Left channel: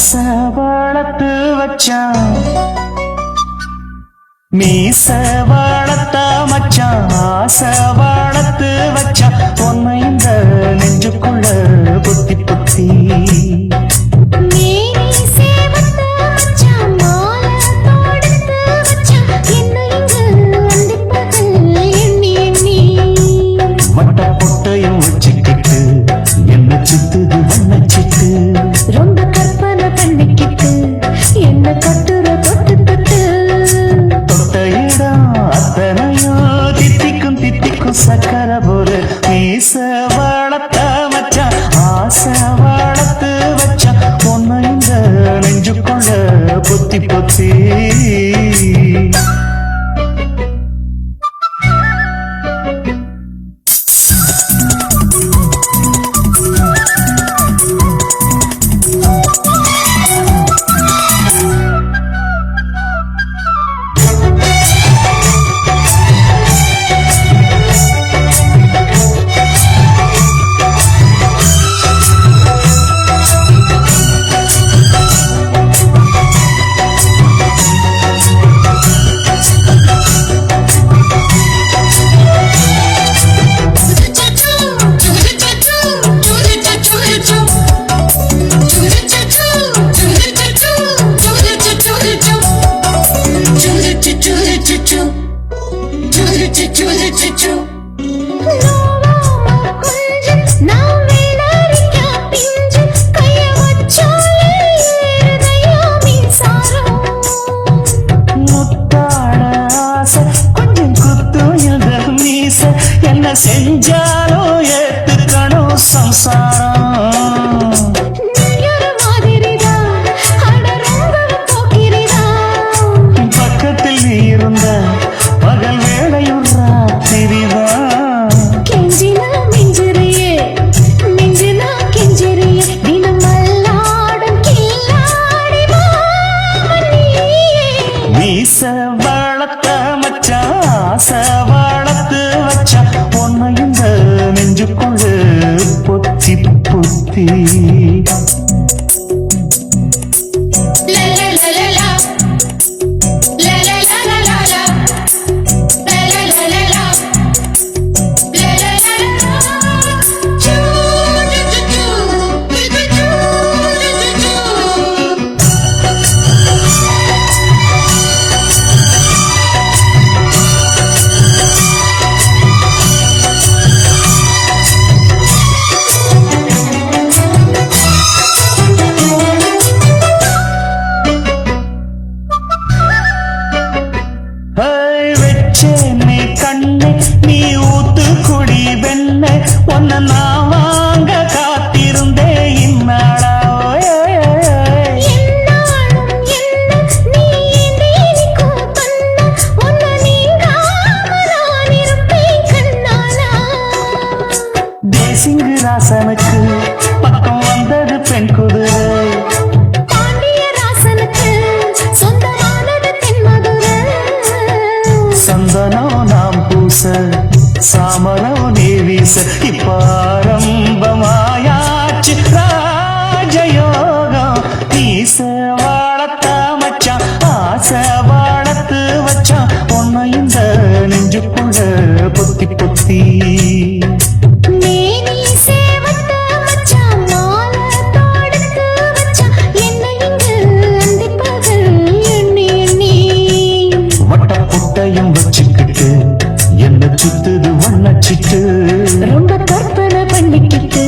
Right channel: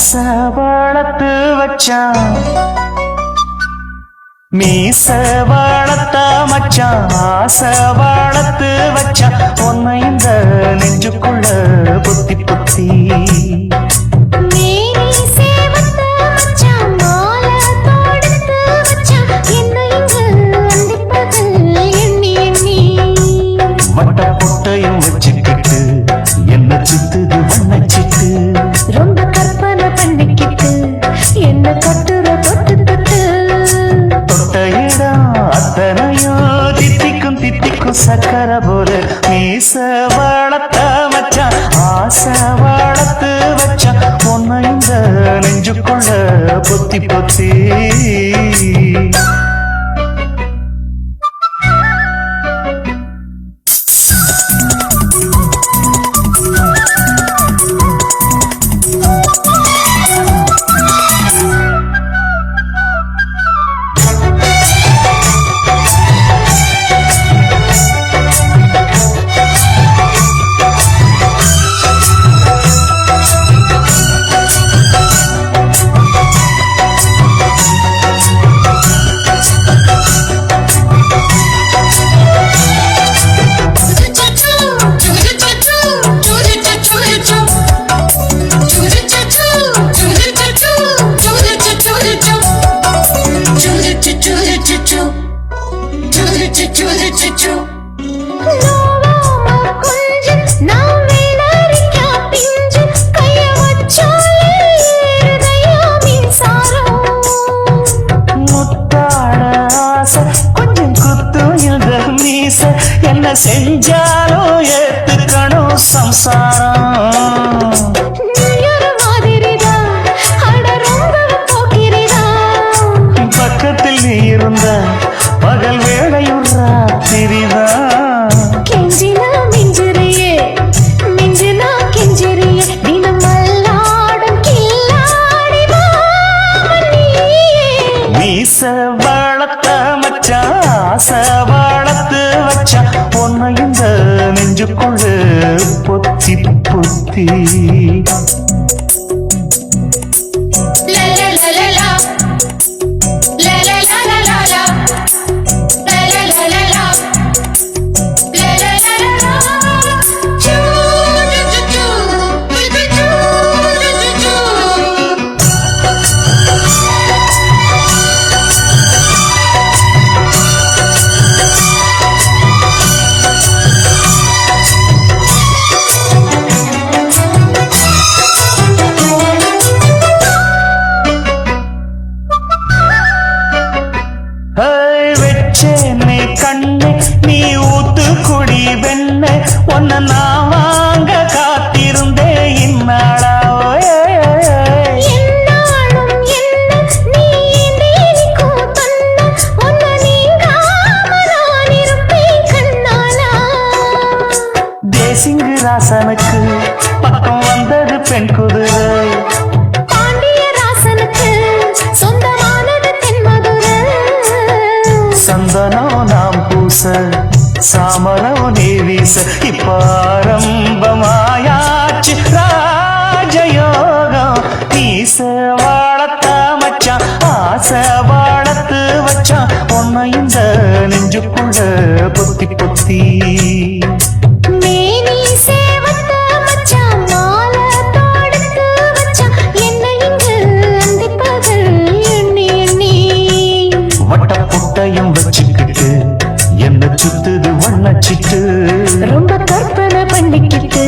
ஆசை வளர்த்து வச்சான் மீச வளர்த்த மச்சான் ஆசை வளர்த்து வச்சான் உன்னை இந்த நெஞ்சுக்குள்ள பொத்தி பொத்தி மட்ட பொட்டையும் வச்சுக்கிட்டு என்ன சித்துது வண்ணச்சிட்டு ரொம்ப கற்பனை பண்ணிக்கிட்டு என்ன கட்டுற தொட்டு தொட்டு தொட்ட இடம் அத்தனையோ தித்திக்கும் தித்திக்கும் சக்கர போல மீச வளர்த்த மச்சான் ஆசை வளர்த்து வச்சான் உன்னை இந்த நெஞ்சுக்குள்ள பொத்தி பொத்தி என்ன செஞ்சாலும் ஏத்துக்கணும் சம்சாரம் பக்கத்தில் நீ இருந்த பகல் வேளையும் ராத்திரிதான் கெஞ்சினா மிஞ்சிறியே மிஞ்சினா கெஞ்சிறியே தினம் மல்லாடும் கில்லாடி மீச வளர்த்த மச்சான் ஆசை வளர்த்து வச்சான் உன்னை இந்த நெஞ்சுக்குள்ள பொத்தி பொத்தி வெச்சேனே கண்ணே நீ ஊத்து குடி வெண்ணே உன்னை நான் வாங்க காத்திருந்தே இந்நாளா தேசிங்கு ராசனுக்கு பக்கம் வந்தது பெண் குதிரை சந்தனம் நாம் பூச சாமரம் நீ வீச இப்ப ஆரம்பமாயாச்சு ராஜயோகம் நீச வாழத்த மச்சான் ஆசை வாழத்து வச்சான் உன்னை இந்த நெஞ்சுக்குள்ள பொத்தி பொத்தி வச்சுக்கிட்டு என்ன சுத்துது வண்ணச்சிட்டு ரொம்ப கற்பனை பண்ணிக்கிட்டு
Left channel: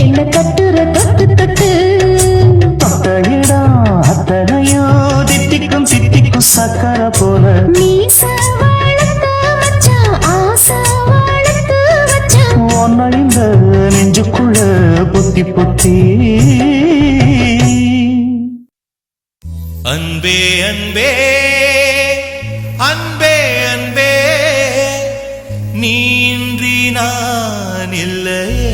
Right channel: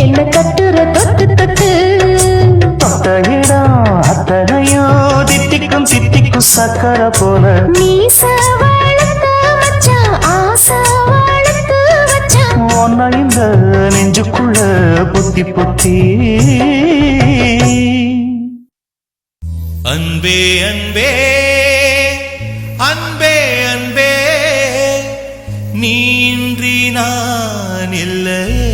என்ன கட்டுற தொட்டு தொட்டு தொட்ட இடம் அத்தனையோ தித்திக்கும் தித்திக்கும் சக்கர போல உன்னை இந்த நெஞ்சுக்குள்ள பொத்தி பொத்தி அன்பே அன்பே அன்பே அன்பே நீன்றி நான் இல்லையே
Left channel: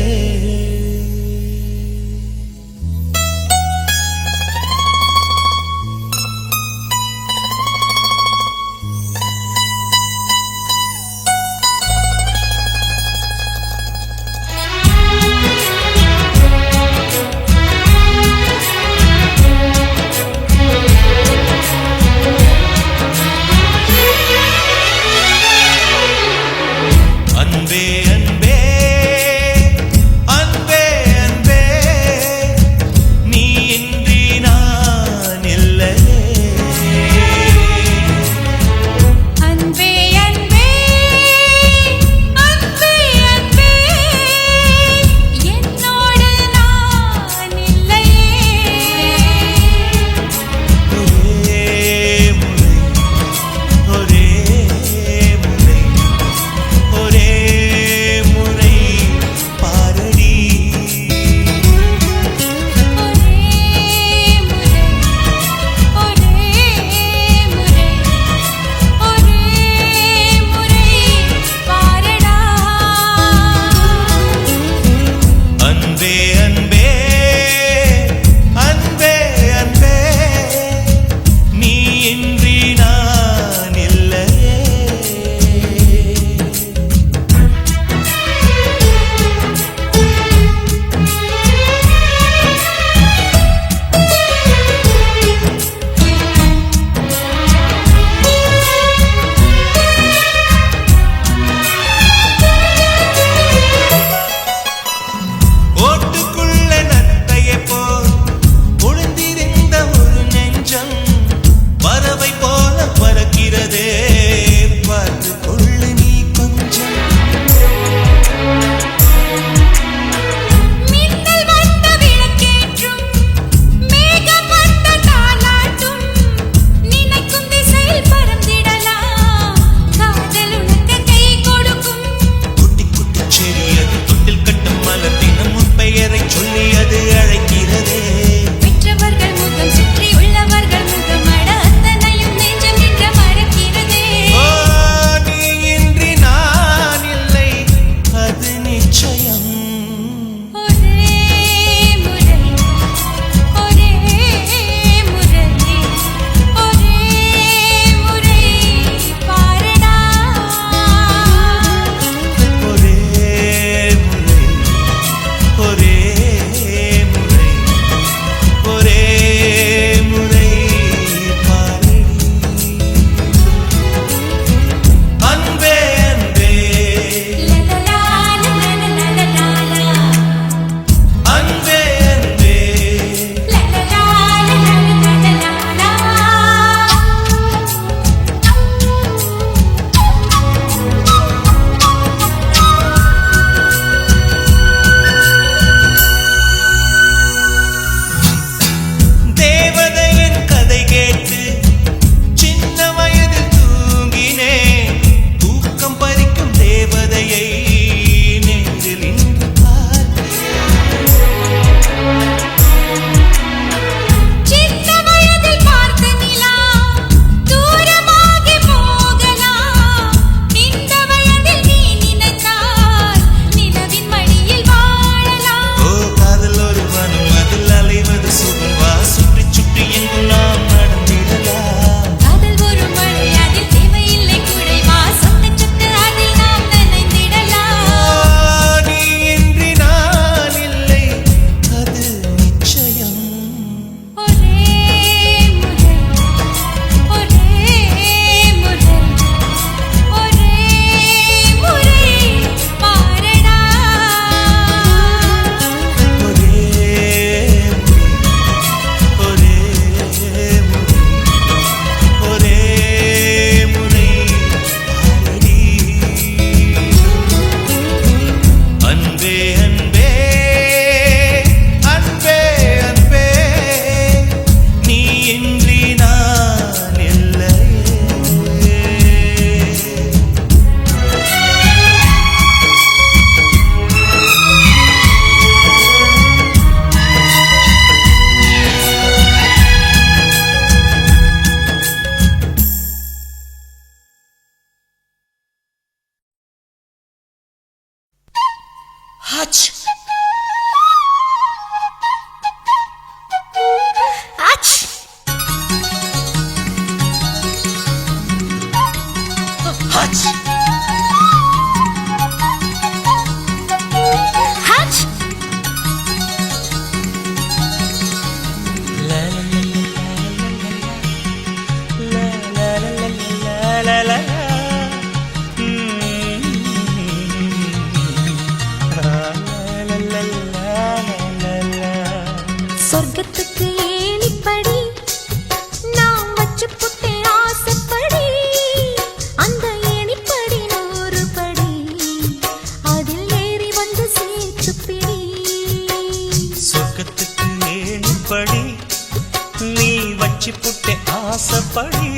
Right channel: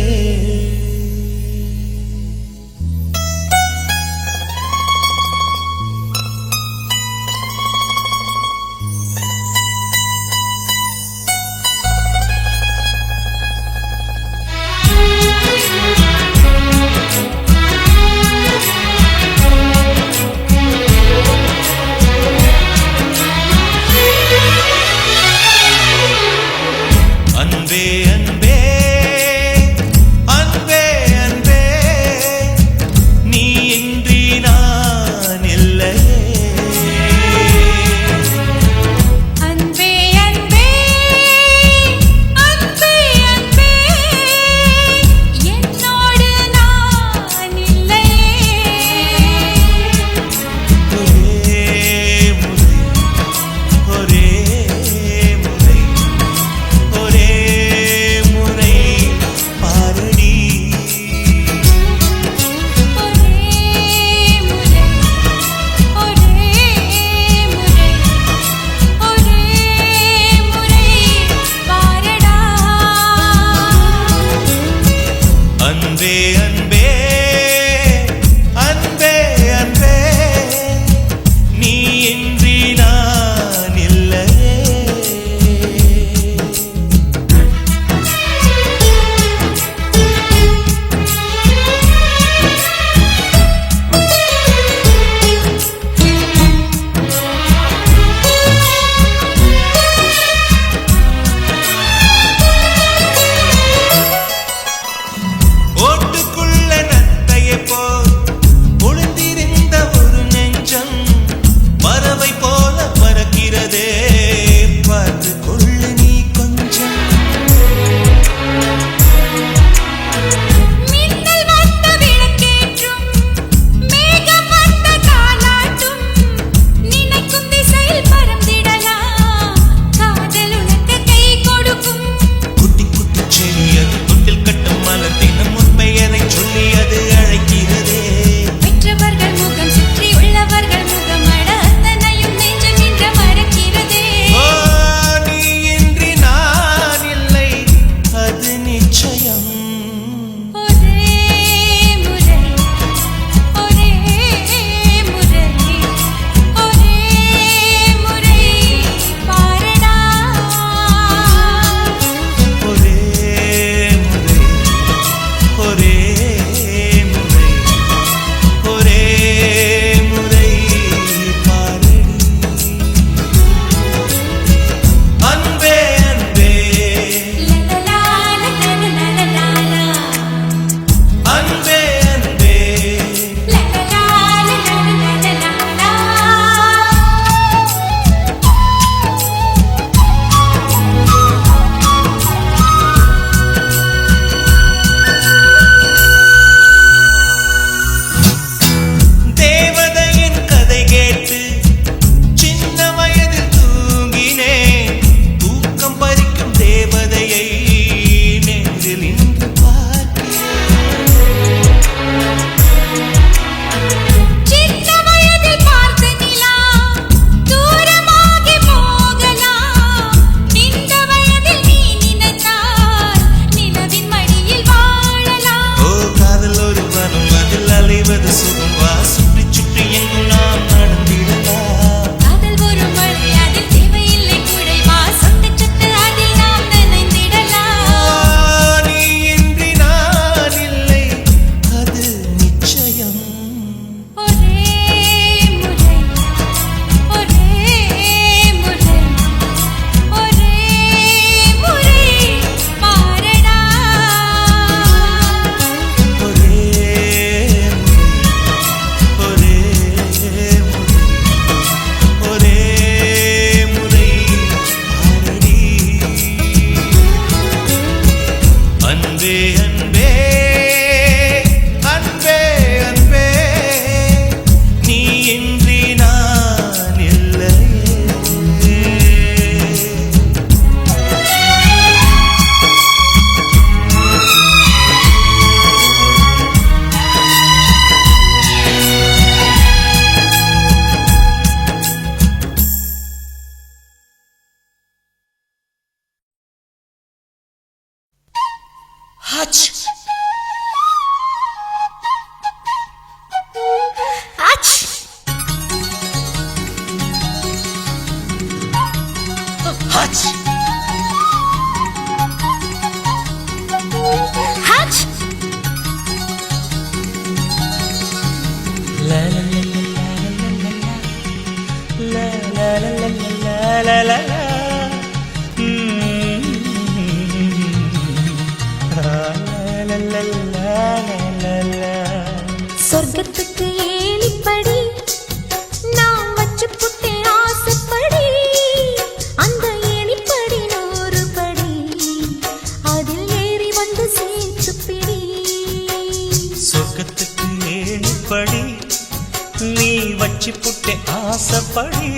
வச்சு புட்டே ஆசைப்படி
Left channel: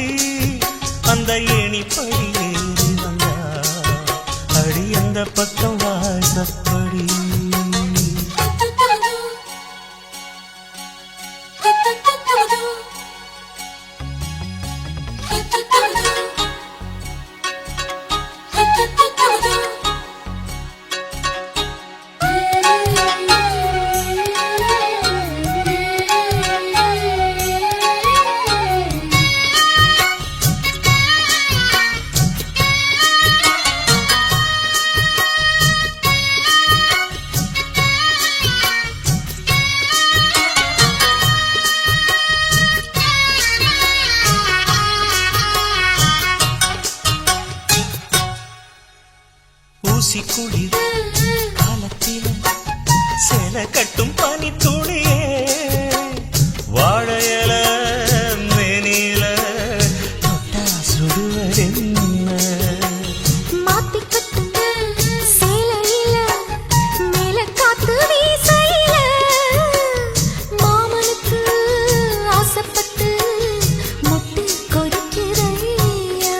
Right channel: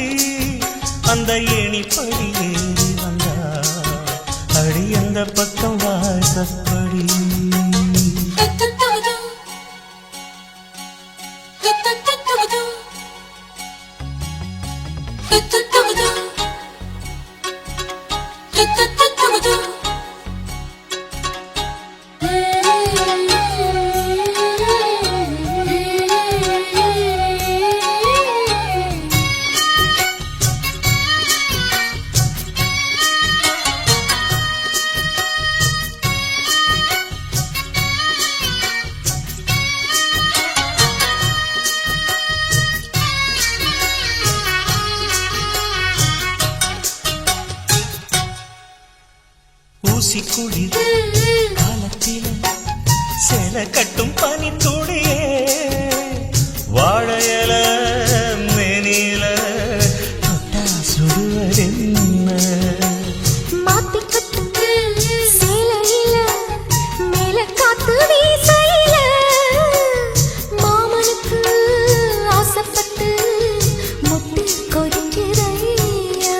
அந்த ஏணிப்படி ஏறி வந்தா அடி அந்த பக்கம் வாசப்படி ஊசி குளிர் காலத்தில சேல கட்டும் பனி துளியே வாழையல மேனில தொட்டா சுடுவதென்ன மாத்தி கட்டும் சேலையில மேல காத்து வீசையில மாமனுக்கு ஆசைப்பட்டு முட்டு கொதிக்கிறையா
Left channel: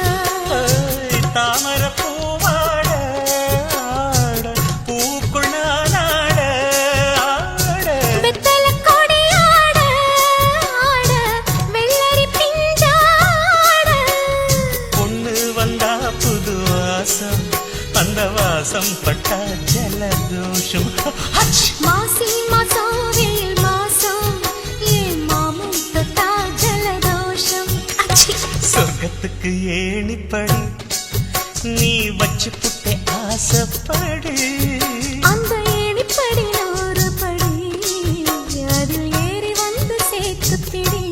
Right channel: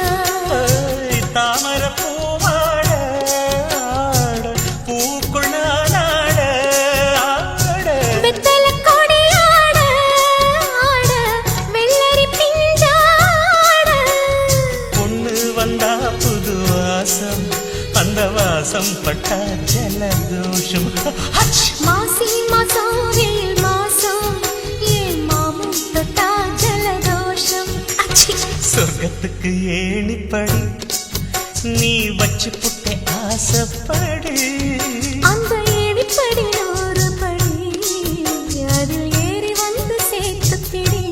தாமர அந்த வாசம் பட்டா ஜலதோஷம் மாசி மாசம் வெயில் மாசம் ஏன் மாமன் தொட்டா ஜலதோஷம் சொர்க்கத்துக்கு ஏணிப்படி நீ வச்சு புட்டே ஆசைப்படி அந்த ஏணிப்படி 100 படி அதில் ஏறி வந்து சேர்த்து பிடி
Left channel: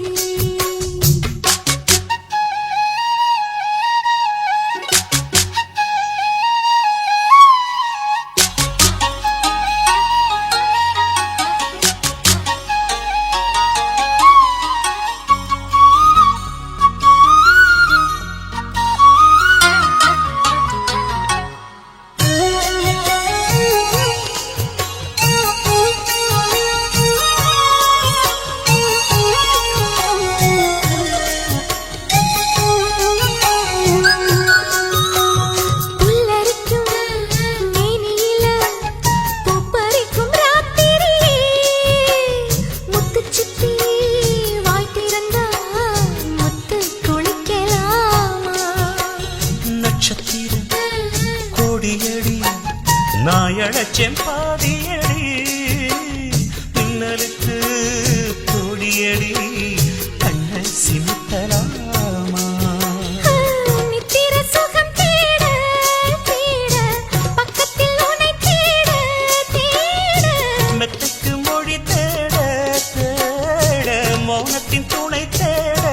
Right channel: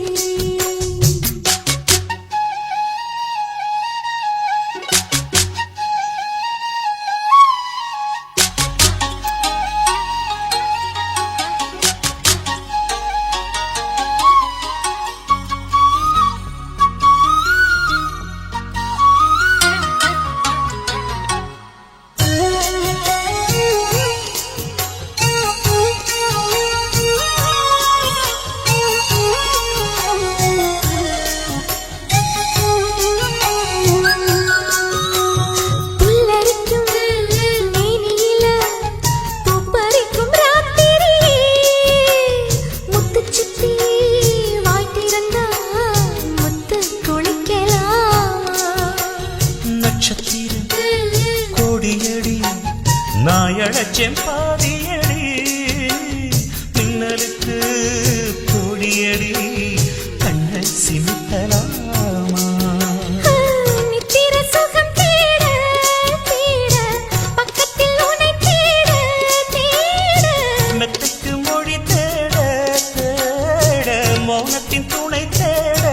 நாயடச்சேன் பாதியடி மின்னலுக்கு பொடியடி கண்ணை சிமித்தலாமா நித்திர சுகம் தேட தேட பக்கத்தில் உன்னை தேட தேட மெத்தைக்கு மொழி தேட தேட மௌனத்தின் துணை தேட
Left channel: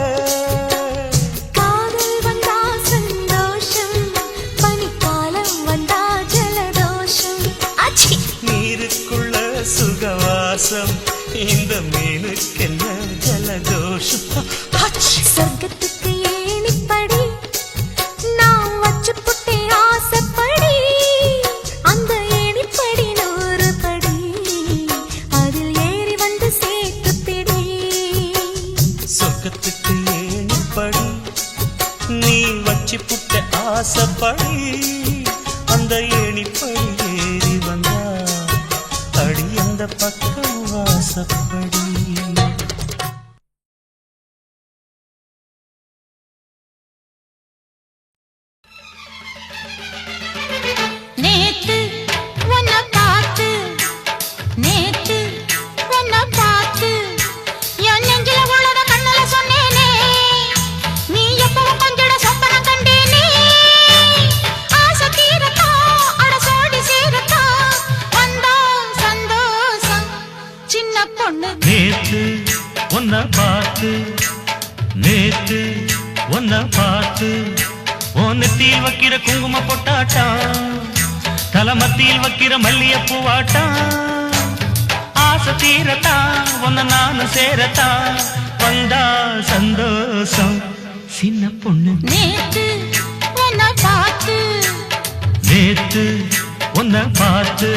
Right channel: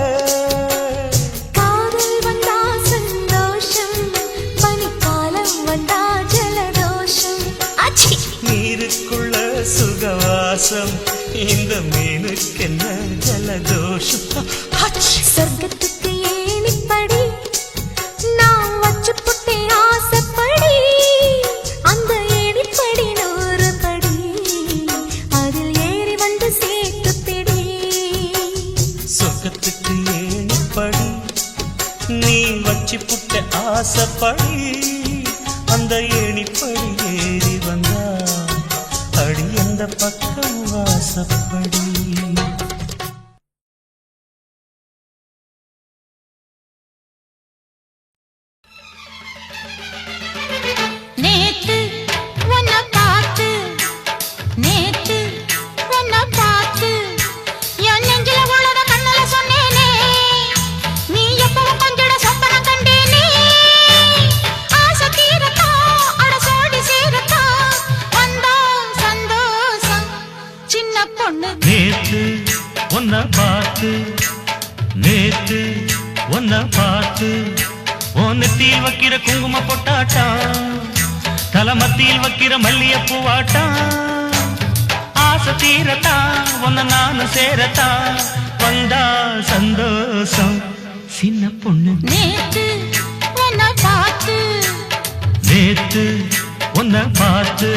காதல் வந்தா சந்தோஷம் பனிக்காலம் வந்தா நீருக்குள்ள சுகவாசம் இந்த மீனுக்கென்ன ஜலதோஷம் சொர்க்கத்துக்கு ஏணிப்படி நான் வச்சு புட்டே ஆசைப்படி அந்த ஏணிப்படி 100 படி அதில் ஏறி வந்து சேர்த்து பிடி சொர்க்கத்துக்கு ஏணிப்படி நீ வச்சு புட்டே ஆசைப்படி அந்த ஏணிப்படி ஏறி வந்தா அடி அந்த பக்கம் வாசப்படி நேத்து உன்னை பார்த்து நேத்து உன்னை பார்த்து என் நெஞ்சில உள்ளத கண்ணல சொன்னேனே நீ எப்பவும் கொஞ்சிட சொப்பனம் கண்டேனே ஆசை தீரத்தா அட சோடி சேரத்தா வந்தா சந்தோஷம் சின்ன பொண்ணு நேத்து உன்னை பார்த்து நேத்து உன்னை பார்த்து நெத்தியில் வைக்கிற குங்கும பொட்டாட்டா தலமத்தியில் வைக்கிற மல்லிய பூவாட்டா ஆசை தீரத்தா உன்னை நானும் சேரத்தா வந்தா சந்தோஷம் சின்ன பொண்ணு நேத்து உன்னை பார்த்து நேத்து உன்னை பார்த்து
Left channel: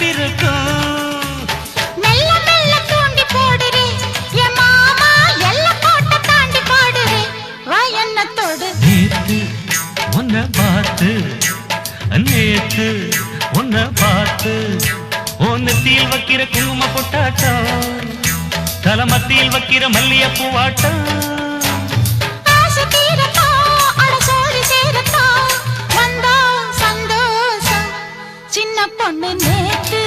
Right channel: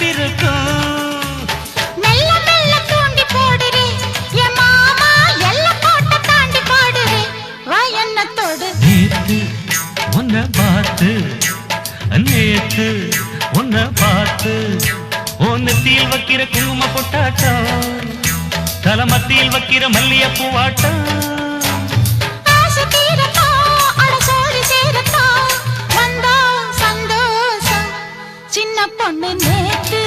பிறக்கும். மெல்ல மெல்ல தூண்டி போடுறே என் மாமா எல்லாம் போட்ட தாண்டி பாடுறே வா என்ன தொடு. நேத்து உன்னை பார்த்து நேத்து உன்னை பார்த்து ஒன்னத்தில் வைக்கிற குங்கும பொட்டாட்டம் தலமத்தியில் வைக்கிற மல்லிய பூவாட்டம். ஆசை தீரத்தான் அட சோடி சேரத்தான் வந்தா சந்தோஷம். சின்ன பொண்ணு நேத்து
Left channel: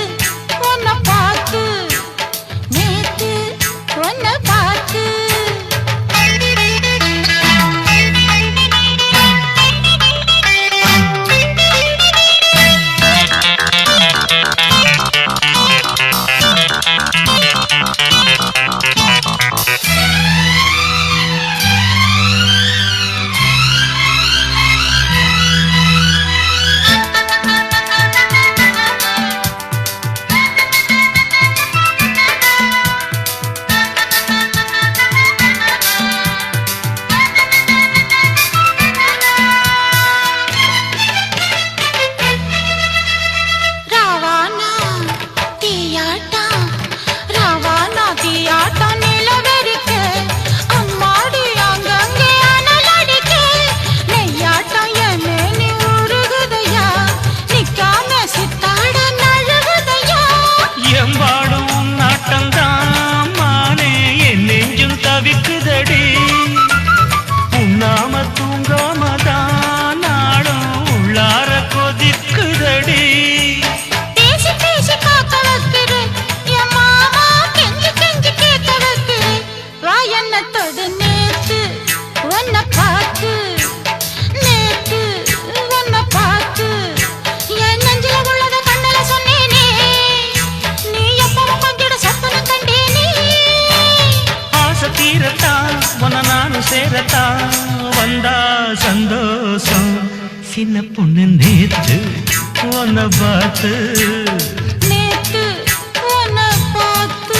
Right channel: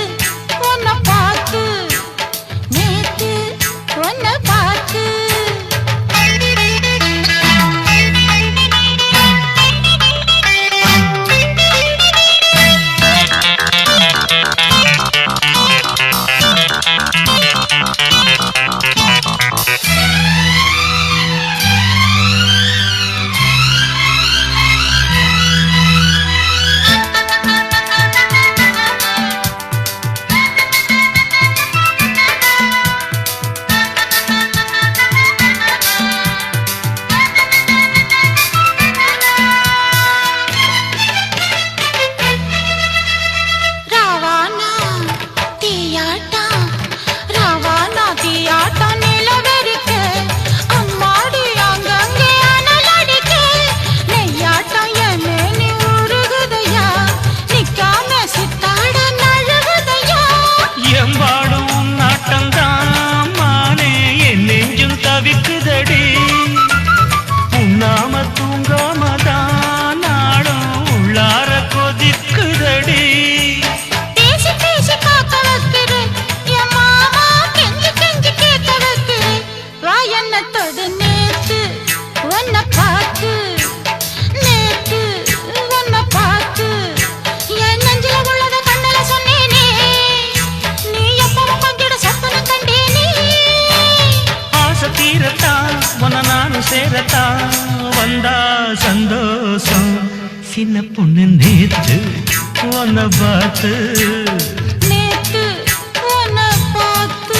உன்னை பார்த்து நேத்து உன்னை பார்த்து. தவிக்குதடி உண்ணாம தூங்காமதான் நாடும் உள்ளார கொதிக்குதடி. பேசி பேசி காக்க வைக்கிற என் மாமா கெஞ்சி கெஞ்சி கேட்க வைக்கிற வா என்ன தொடு. நேத்து உன்னை பார்த்து நேத்து உன்னை பார்த்து என் நெஞ்சில உள்ளத கண்ணல சொன்னேனே நீ எப்பவும் கொஞ்சிட சொப்பனம் கண்டேனே. ஆசை தீரத்தான் உன்னை நானும் சேரத்தான் வந்தா சந்தோஷம். சின்ன பொண்ணு நேத்து உன்னை பார்த்து நேத்து உன்னை பார்த்து.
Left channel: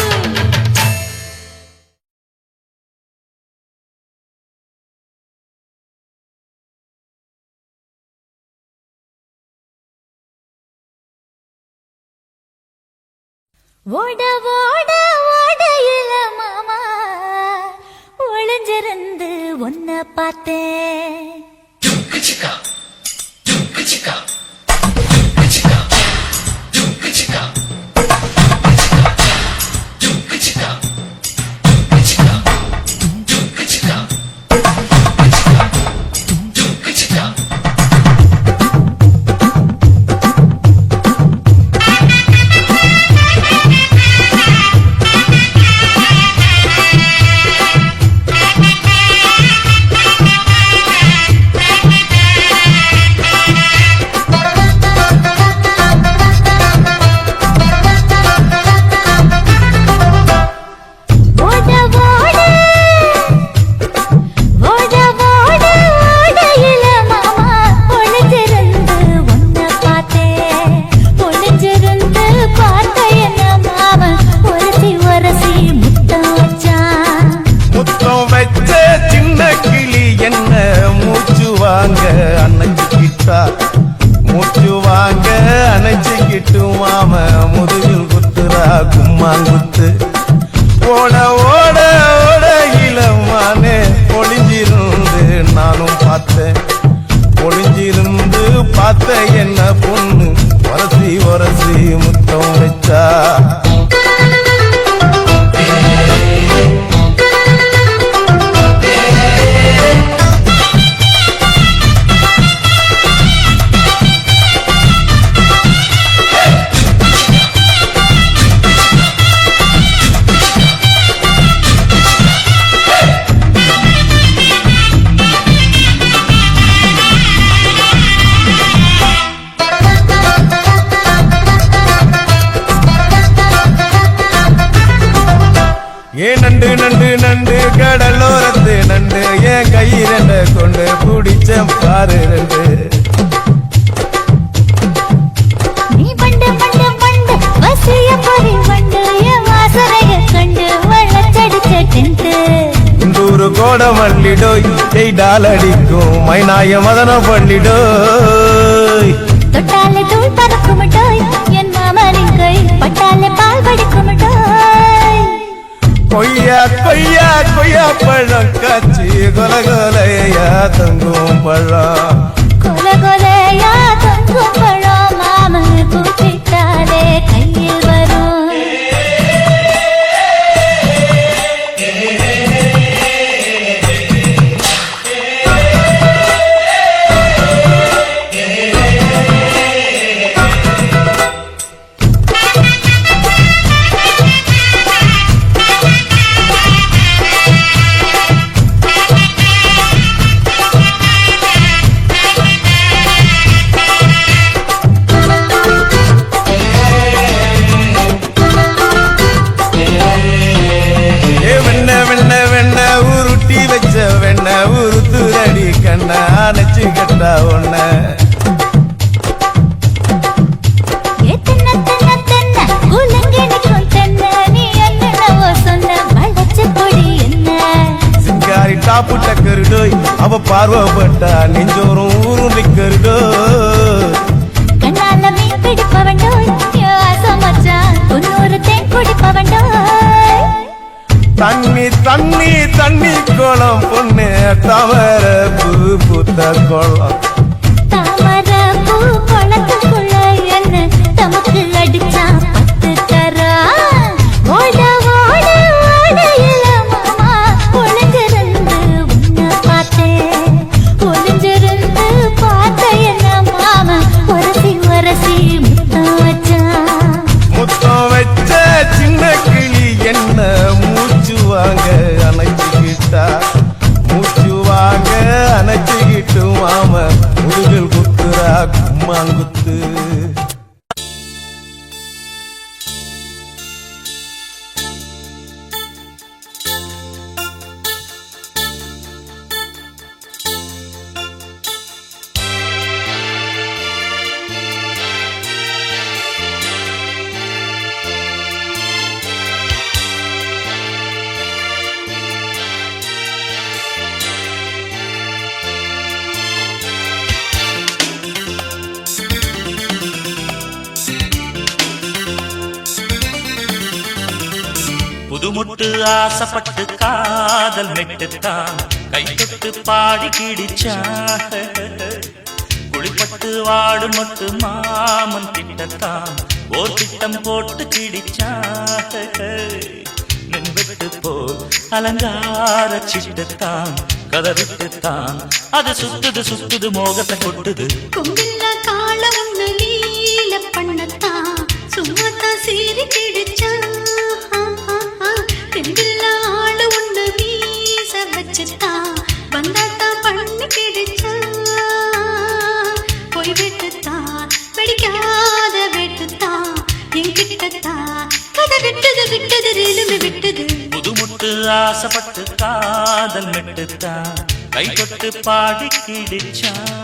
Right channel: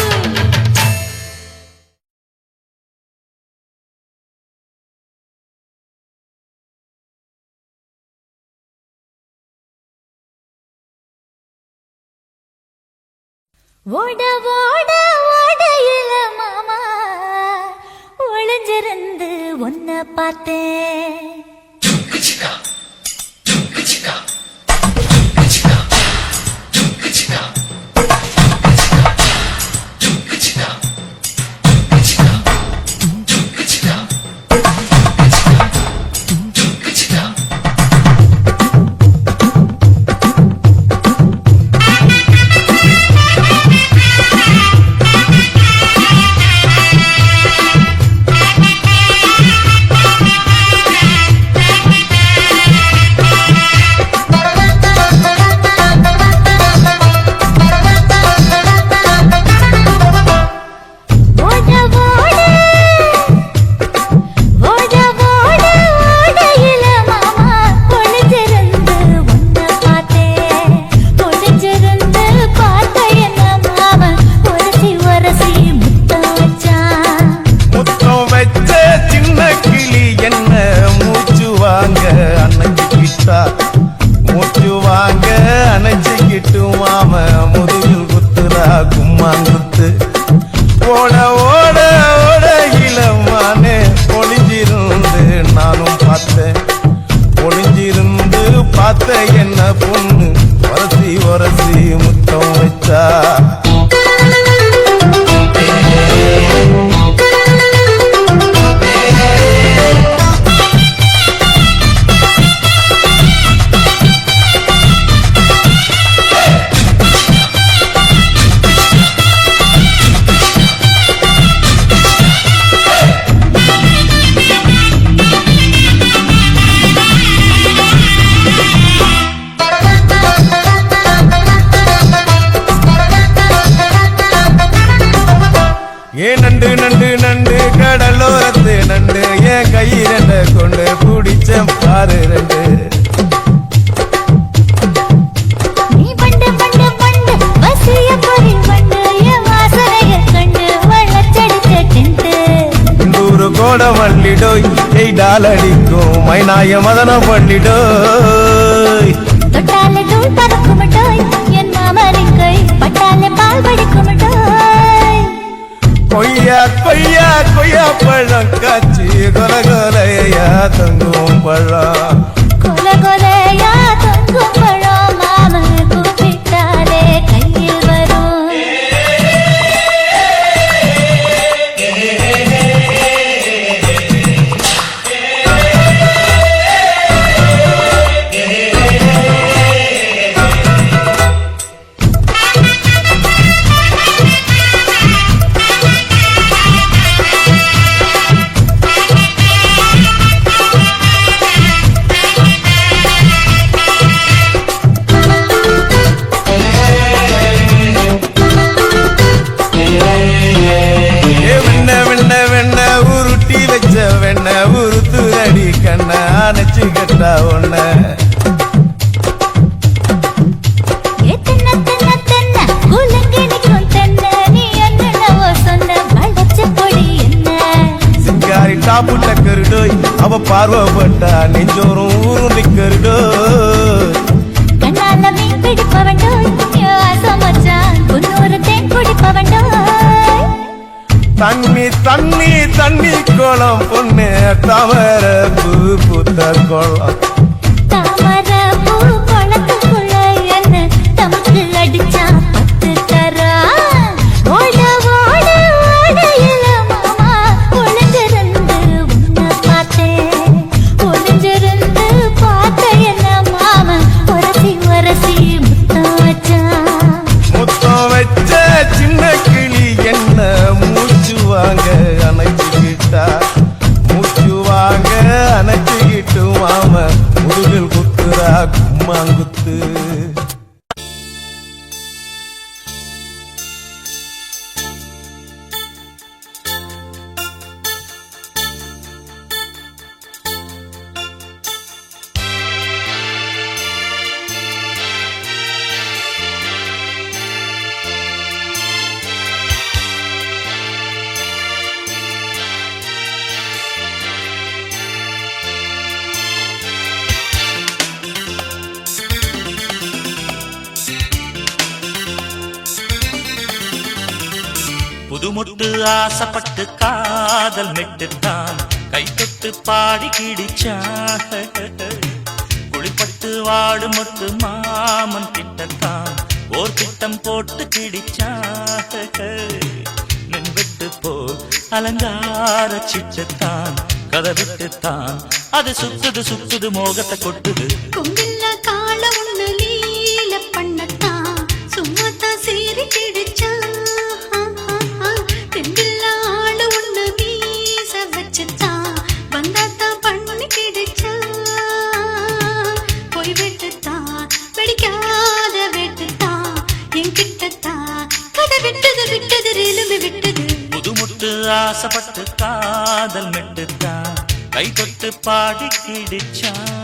ஓட ஓட ஓடையில மாமா ஒளிஞ்சிருந்து உன்னை பார்த்தேன். மூச்சு வாங்க அணைச்சிக்கிட்டு மாம முதுகில் குத்துரா கும்மாங்குத்து. ஓட ஓட ஓட இளமானே ஒளிஞ்சிருந்து நானும் பார்த்தேன். ஒளிஞ்சிருந்து பார்த்த என்ன பொண்ணு உரசி உரசி முத்தம் வச்சா. ஏன் நண்டு நண்டு நண்டு கடலோரத்து நண்டு என் கையிரண்ட கொண்டு பிடிச்ச பாரு ரெண்டு. நீ பண்டு பண்டு பண்டு வசிய பொறி பண்டு என் வாசனைய கண்டு வளச்சடிச்ச டென்ட். இந்தூரு கோட மல்லிடோய் எய்டால் அடிக்கும் மைனாய மதன பள்ளிடோய். தொட்டால தூள் பறக்குமட்டோய் என் மாமனின் கை கொய்யா கொய்யா பழம் காய்ச்சி கொல கொலையா தங்கும் பழம் கொல கொலையா தொங்கும் பழம் மாமன் கூப்பிட்டாலே கையில் வரும் உருட்டி வச்ச வெண்ண உருத்துரடி கண்ண அணைச்சு கட்டா ஒண்ண சிங்காரி டாப்பு டக்கருடோய் அவ பார்வப்பட்டா நெஞ்சோறும் ஊரும் நிக்கருடோய் கண்ணால மீன் பிடிப்பவண்டோய் ஆசமச்சான் குன்னூறு தேன் குடிப்பவண்டோய் தண்ணி தண்ணி தண்ணி கோலம் பொண்ணு தாமர பூ பூத்த கோலம் தாமர பூ குளத்துக்குள்ள என்ன தமக்கு அடிச்சா 10 தரா ஓட ஓட ஓடையில மாமா ஒளிஞ்சிருந்து உன்னை பார்த்தேன் ஒளிஞ்சிருந்து பார்த்த என்ன மாமா உரசி உரசி முத்தம் வச்சான் முத்தம் வச்ச சின்ன கிளி என்ன மூச்சு வாங்க அணைச்சுக்கிட்டா மூச்சு வாங்க அணைச்சுக்கிட்டு மாம முதுகில் குத்துறா கும்மாங்குத்து புதுமுட்டு ஆசைப்பட்டு காதல் மெட்டுத்தான் கை தொட்டு பாடி கிடிச்சான் குளிப்பட்டு வாடு மொட்டு மாமன் கிட்டத்தான் ஓர் திட்டம் போட்டு கிடிச்சான் நின்றுட்டு போல் அலங்கார சிட்டுத்தான் கதை விட்டுத்தான் அது சுத்துது சுத்துது மோகத்தை கொட்டுது கொம்பில்ல கால ஒண்ணு லீல பண்ணத்தான் சும்மாத்தான் சீறி கிடிச்சா தெம்பில்ல ஆளு ஒண்ணு வீச வச்சுத்தான் வந்தாத்தான் பண்ணி கிடிச்சா போய் விட்டுத்தான் வெடிக்காத வெட்டுத்தான் என்கிட்டத்தான் கதை விட்டது விட்டது ரெலும்பி விட்டது புதுமுட்டு ஆசைப்பட்டு காதல் மெட்டுத்தான் கை தொட்டு பாடி கிடிச்சான்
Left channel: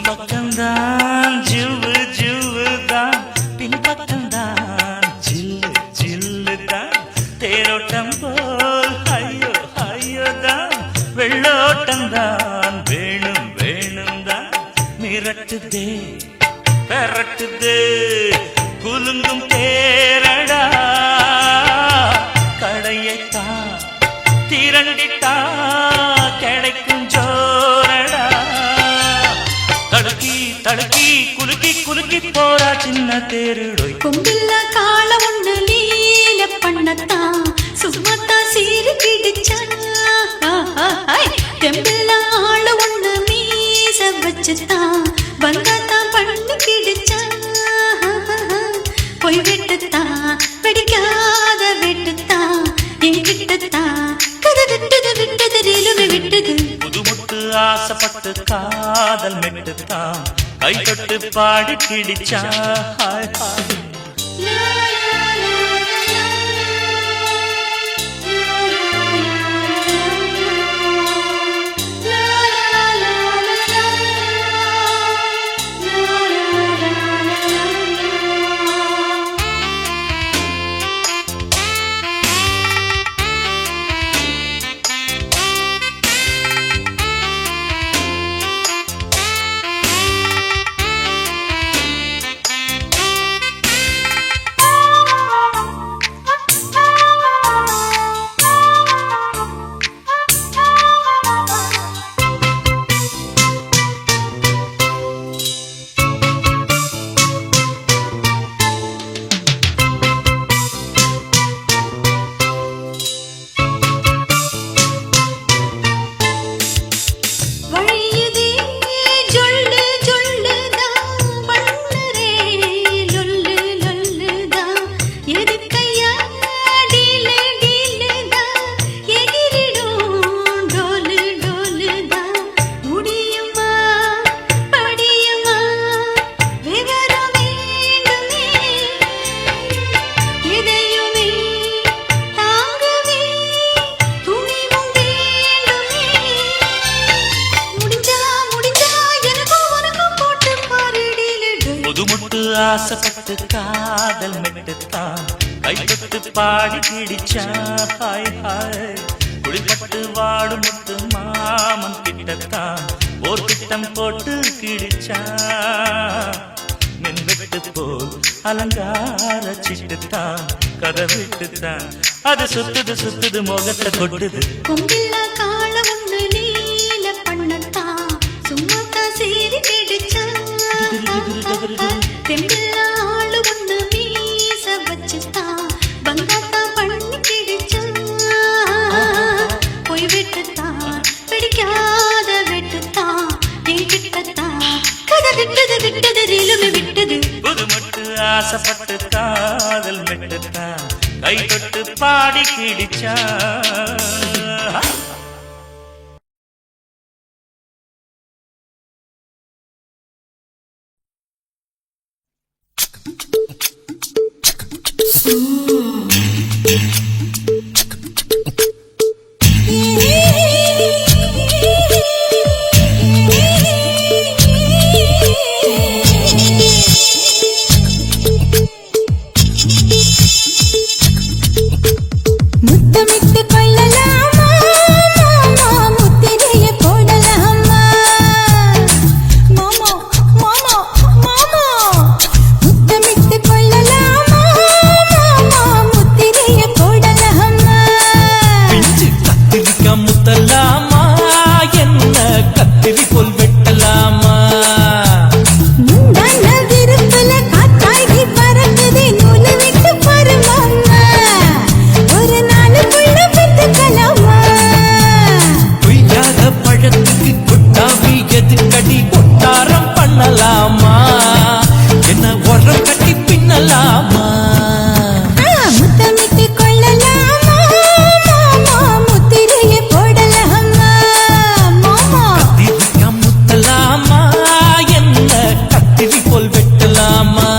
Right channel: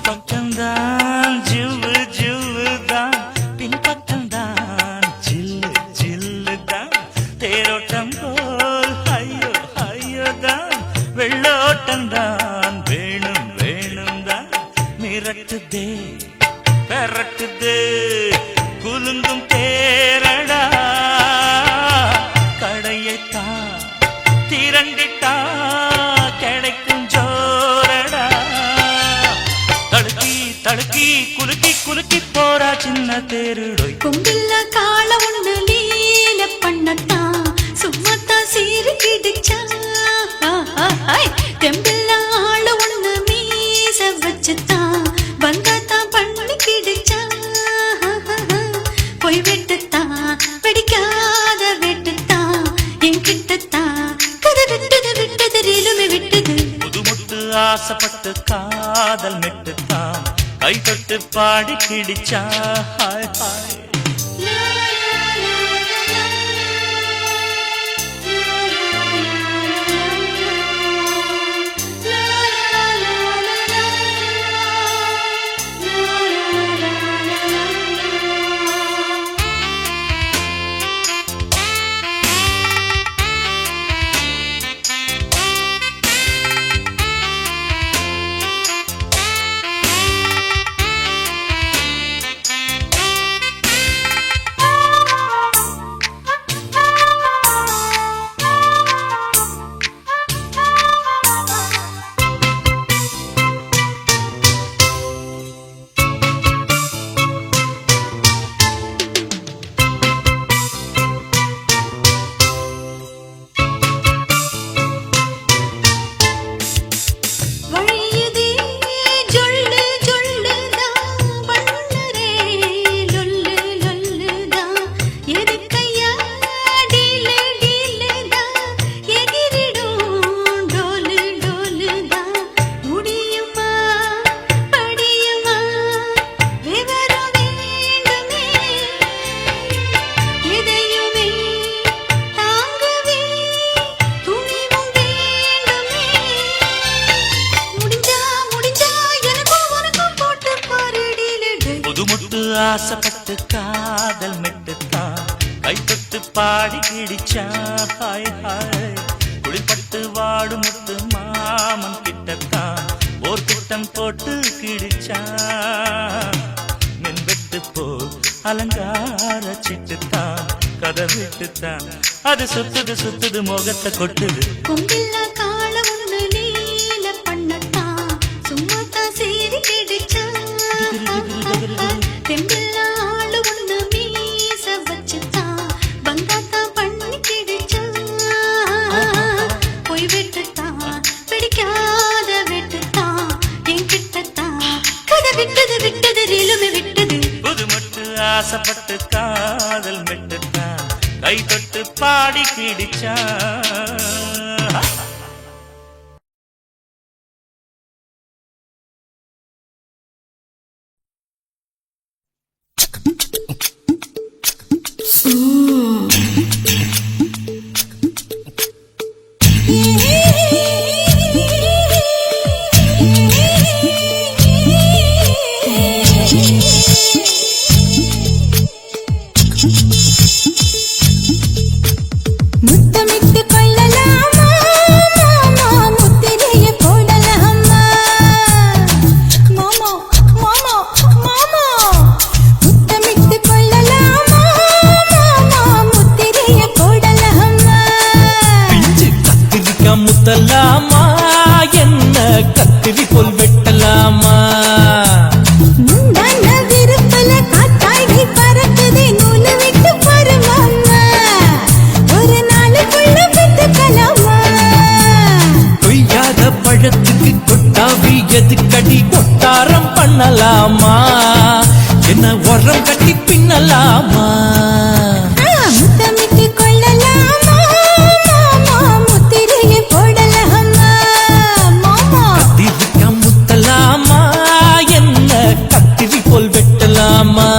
முன்பக்கம்தான் ஜிவ்வு ஜிவ்வு தான் பின்பக்கம்தான் ஜில்லு ஜில்லு தான் தேரோட்டம் போல் ஐயோ ஐயோ தான் வெள்ளோட்டம் தான் வேணும் வேணும் தான் மிரட்டுதே பெரட்டுதே குலுங்கும் தேரடா கடையைத்தான் திரண்டிட்டா கிடைக்கும் ஜோரடா தடுக்கி தடுக்கி குலுக்கி குலுக்கி போறா சின்ன தேருடோய் கொம்பில்ல கால ஒண்ணு லீல பண்ணத்தான் சும்மாத்தான் சீறி கிடிச்சா தெம்பில்ல ஆளு ஒண்ணு மீச வச்சுத்தான் வந்தாத்தான் பண்ணி கிடிச்சா போய் விட்டுத்தான் வெடிக்காத வெட்டுத்தான் காதல் மெட்டுத்தான் கை தொட்டு பாடி கிடிச்சா ஹாய் ஹாய் ஆசைப்பட்டு காதல் மெட்டுத்தான் கை தொட்டு பாடி கிடிச்சா ஹாய் ஹாய் குளிப்பட்டு வாடு முத்து மாமன் கிட்டத்தான் ஓர் திட்டம் போட்டு கிடிச்சா மென்வெட்டு போல் அலங்கார சிட்டுத்தான் கதை விட்டுத்தான் அது சுத்துது சுத்துது முகத்தை கொட்டுது கொம்பில்லா கால ஒண்ணு நீல பண்ணத்தான் சும்மாத்தான் சீறி கிடிச்சா தெம்பில்லா ஆளு ஒண்ணு மீச வச்சுத்தான் பந்தாத்தா பண்ணி கிடிச்சா போய் விட்டுத்தான் பிடிக்காத விட்டுத்தான் என் கிட்டத்தான் கதை விட்டது விட்டது ரீலுமே விட்டது புது மட்டு ஆசைப்பட்டு காதல் மெட்டுத்தான் கை தொட்டு பாடி கிடிச்சா முத்தமிட்டு கொள்ளலாமா மாமா முத்திரைய போடலாமா மாமா மாமா மாமா முத்தமிட்டு கொள்ளலாமா மாமா முத்திரைய போடலாமா பிஞ்சு கத்திரிக்காய் முத்தலாமா என்ன கத்திரி போல் வெட்டலாமா முந்தான விருப்பல காத்தாடி பறக்குதே நூலு விட்டு பாரு மாமா ஒரு நாளுக்குள்ள பெத்துக்கலாமா கொய்யாத பழத்துக்கு கொட்டாவி எதுக்கடி கொட்டாரம் பண்ணலாமா என்ன உரம் கட்டி பின்னலாமா முத்தமிட்டு கொள்ளலாமா மாமா முத்திரைய போடலாமா மாமா கத்திரிக்காய் முத்தலாமா என்ன கத்திரி போல் வெட்டலாமா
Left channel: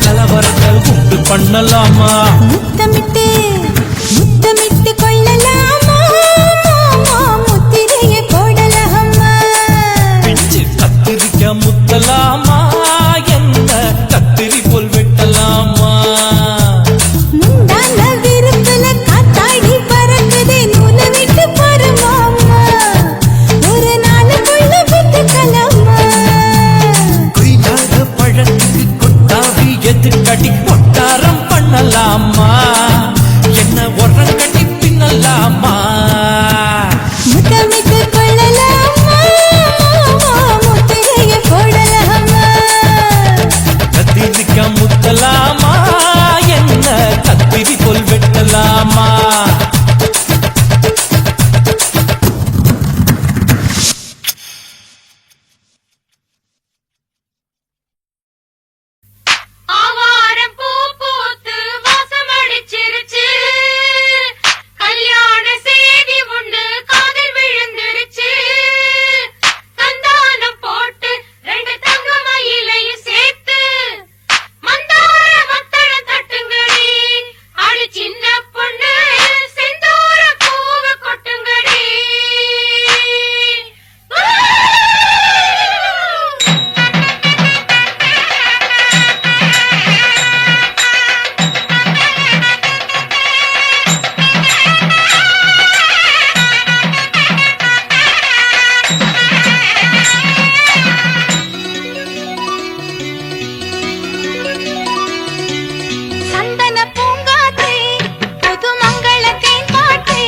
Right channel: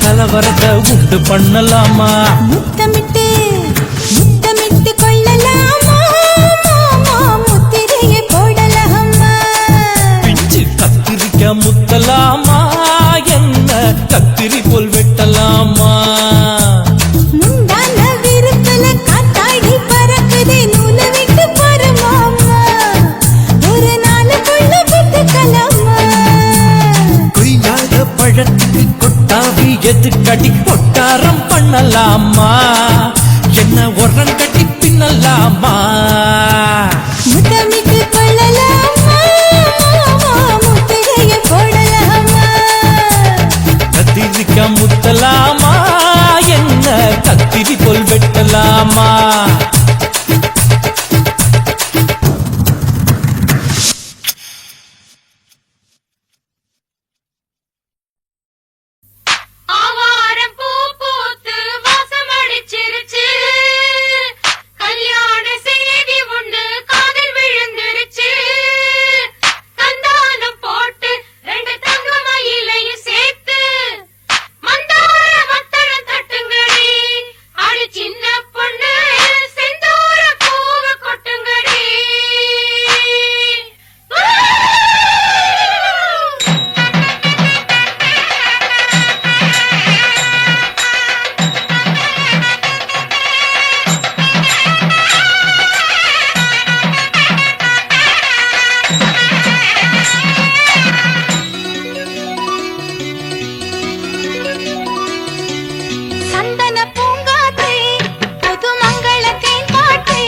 கலவரத்தை உண்டு பண்ணலாமா முத்தமிட்டு முத்தமிட்டு கொள்ளலாமா மாமா முத்திரையை போடலாமா பிஞ்சு கத்திரிக்க முத்தலாமா என்ன கத்திரி போல் வெட்டலாமா முந்தான விருப்பல காத்தாடி பறக்குதே நூலை விட்டு பாரு மாமா ஒரு நாளுக்குள்ள வித்துக்கலாமா கொய்யாத பழத்துக்கு கொட்டாவி எதுக்கடி ஒட்டாரம் பண்ணலாமா என்ன உரங்கட்டி பின்னலாமா முத்தமிட்டு கொள்ளலாமா மாமா முத்திரையை போடலாமா கத்திரிக்க முத்தலாமா என்ன கத்திரி போல் வெட்டலாமா ஆவாரம் பூ பூத்து வாசமடிச்சிருச்சு கல்யாண செய்தி உண்டு காதில் விழுந்துருச்சு சந்தானம் போட்டு 2 தங்க மயிலையும் சேர்த்து மந்தார மத்தள தட்டுங்கடி அடி சின்ன பொண்ணு செந்தூர பூவ கொட்டுங்கடி சந்தன பூங்காற்றே புது மங்கள தேன்பாற்றே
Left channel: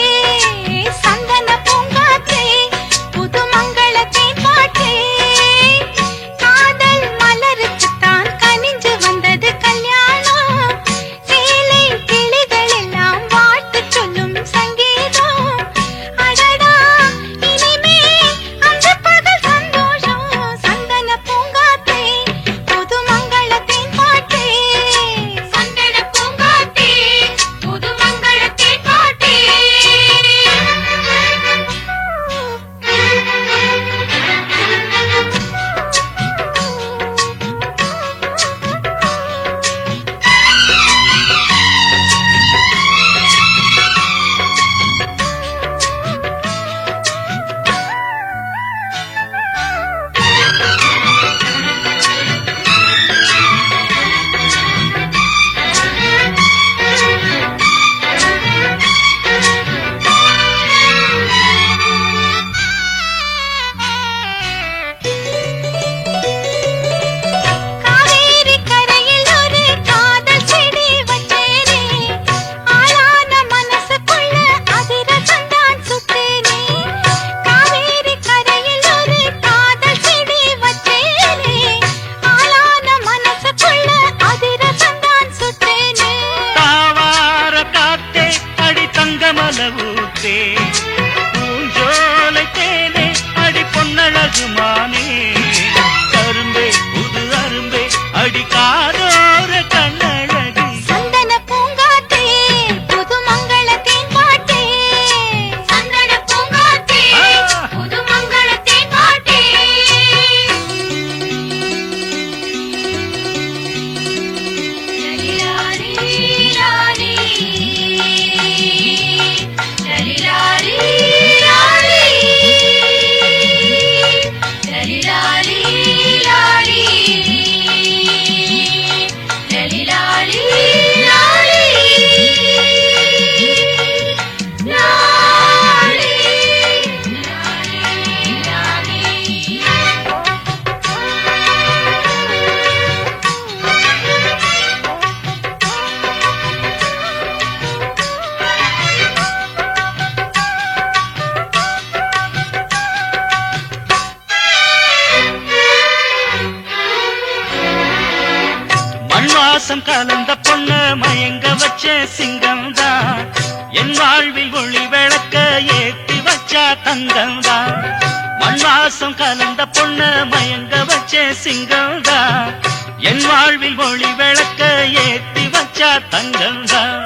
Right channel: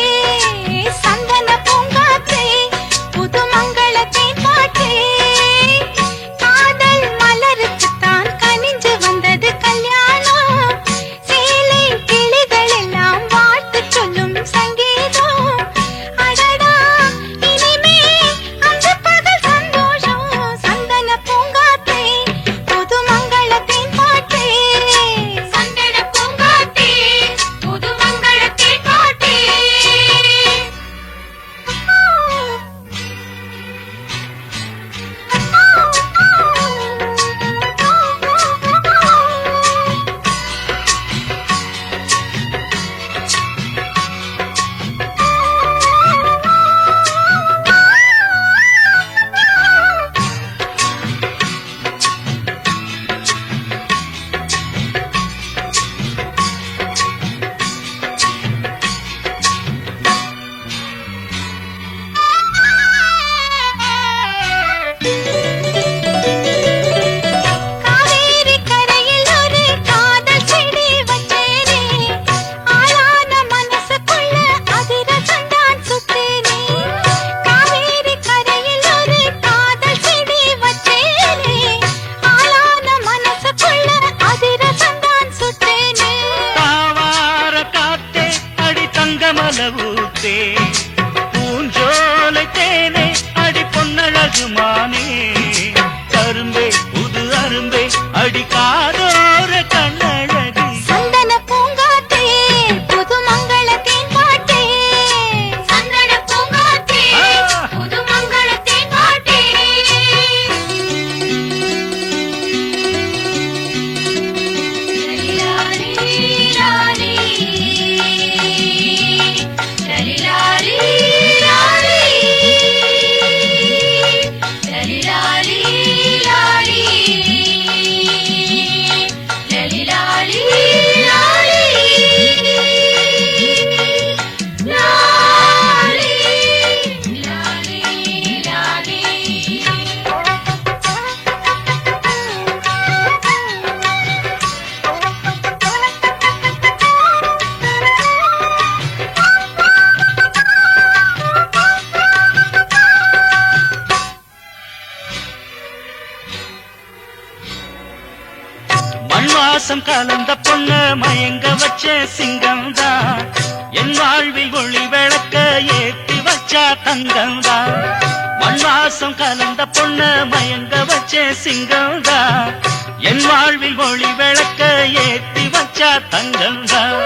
சந்தன பூங்காற்றே புது மங்கள தேன்பாற்றே காதல் மலருக்குத்தான் கனிஞ்சு வந்தது கல்யாணம் சேலை கிளிகள் எல்லாம் வாழ்த்து சொல்லும் சங்கீதம் அடடா இனிமே அந்த பகல் சந்தோஷம் சந்தன பூங்காற்றே புது மங்கள தேன்பாற்றே சந்தன பூங்காற்றே புது மங்கள தேன்பாற்றே காவேரி கரையில் ஒரு காதல் செடி வச்சேனே ஆளான மனசுக்குள்ள அதிரசந்தான் சுத்தேனே காவேரி கரையில் ஒரு காதல் செடி வச்சேனே ஆளான மனசுக்குள்ள அதிரசந்தான் சுத்தேனே தாவார காத்தே அடி தங்கமலவூத்தே பூஞ்சோலை தேனே அடி பொன்னழகுமானே அரும்பே புது அரும்பே அடி காதோர கண்ணழகி சந்தன பூங்காற்றே புது மங்கள தேன்பாற்றே சந்தன பூங்காற்றே புது மங்கள தேன்பாற்றே மண்வாசம் கலந்த பொண்ணு மயங்க வச்ச சிங்கம்தான் என் வாழ்வில் ஒளி விளக்க ஏற்றி வச்சா தங்கம்தான் மண்வாசம் கலந்த பொண்ணு மயங்க வச்ச சிங்கம்தான் என் வாழ்வில் ஒளி விளக்க ஏற்றி வச்சா தங்கம்தான்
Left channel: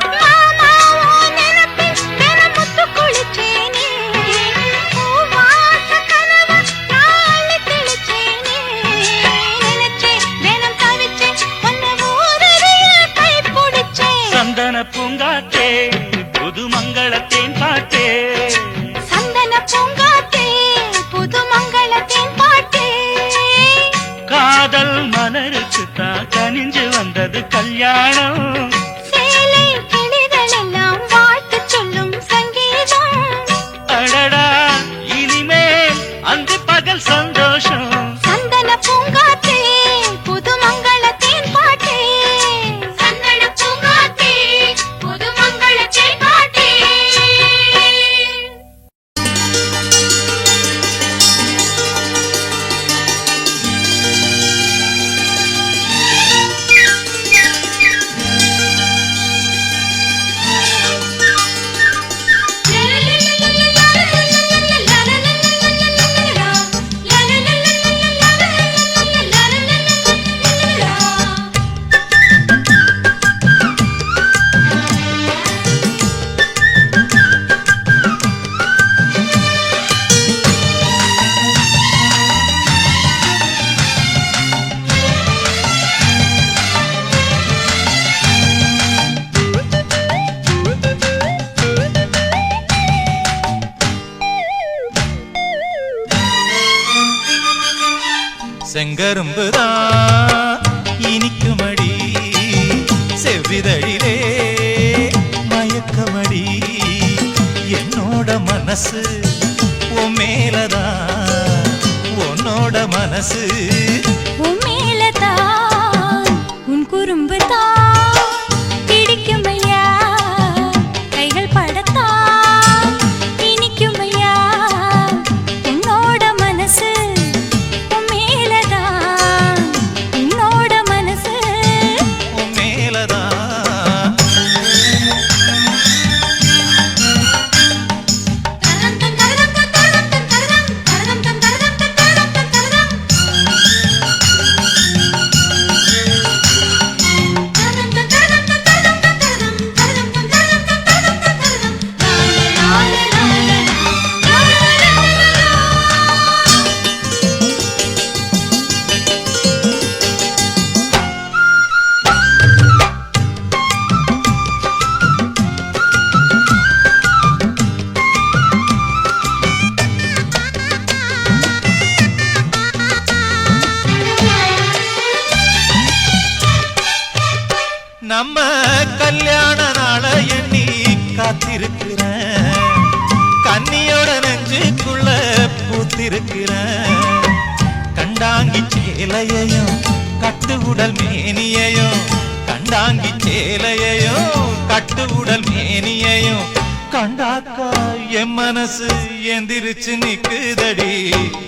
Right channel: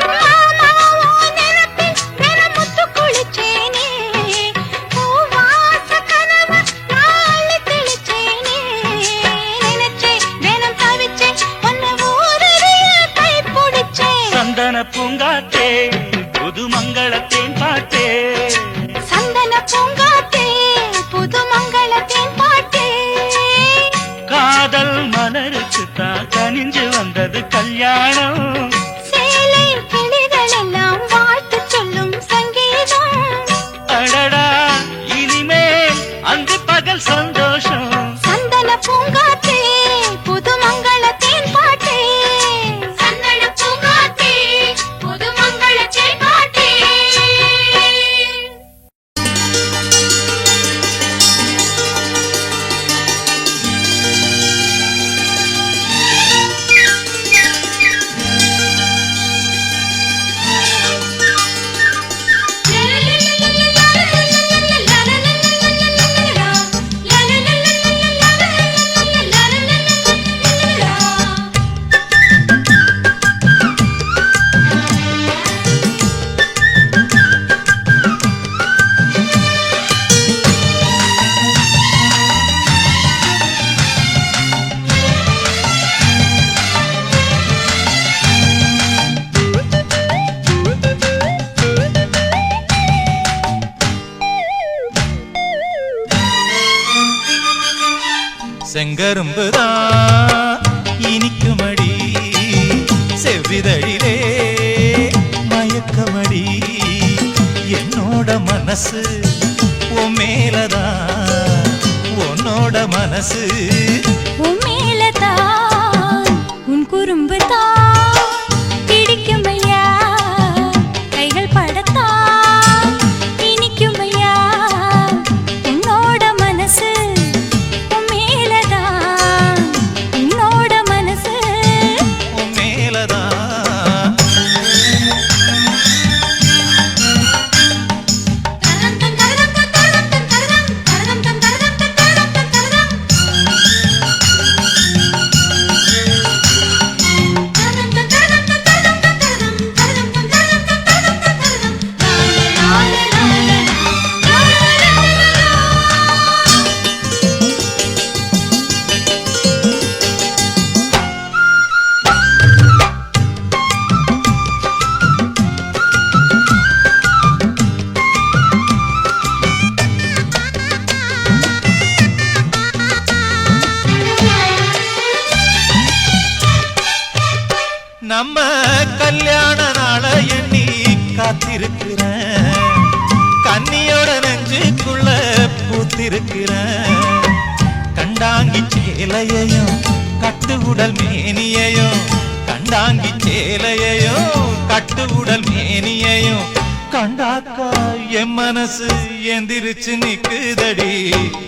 ஒன்னு ஊரு வந்தது கல்யாணம். சேலை கிளிகள் எல்லாம் வாழ்த்து சொல்லும் சங்கீதம். அடடா இனிமேல் அன்று பகல் சந்தோஷம். சந்தன பூங்காற்றே புது மங்கள தேன் பாட்டே. சந்தன பூங்காற்றே புது மங்கள தேன் பாட்டே. செங்கரும்புதான் இனிக்குமடி செவ்விதழிலே மயக்கமடி என்னோட மனசு உன் மேலதான் உன்னோட மனசு உன் மேலதான் உன் குறும்பு தான் பிடிக்கும் ஐயா. கைகள் படத்தான் இனிக்கும் ஐயா. உன்னோட மனசு உன் மேலதான் உன்னோட மனசு உன் மேலதான் நம்ம கல்யாண நாள எண்ணி காத்திருக்கிறேன். கன்னியோட நெஞ்சுக்குள்ள பூத்திருக்கிறேன். கண்டாங்கி சேலையையும் கட்டு உடல் மேனியையும் கண்டாங்கி சேலையையும் கட்டு உடல் மேனியையும் கண்டாக்கா என் மனசு எந்திரிச்சு நிக்குதடி.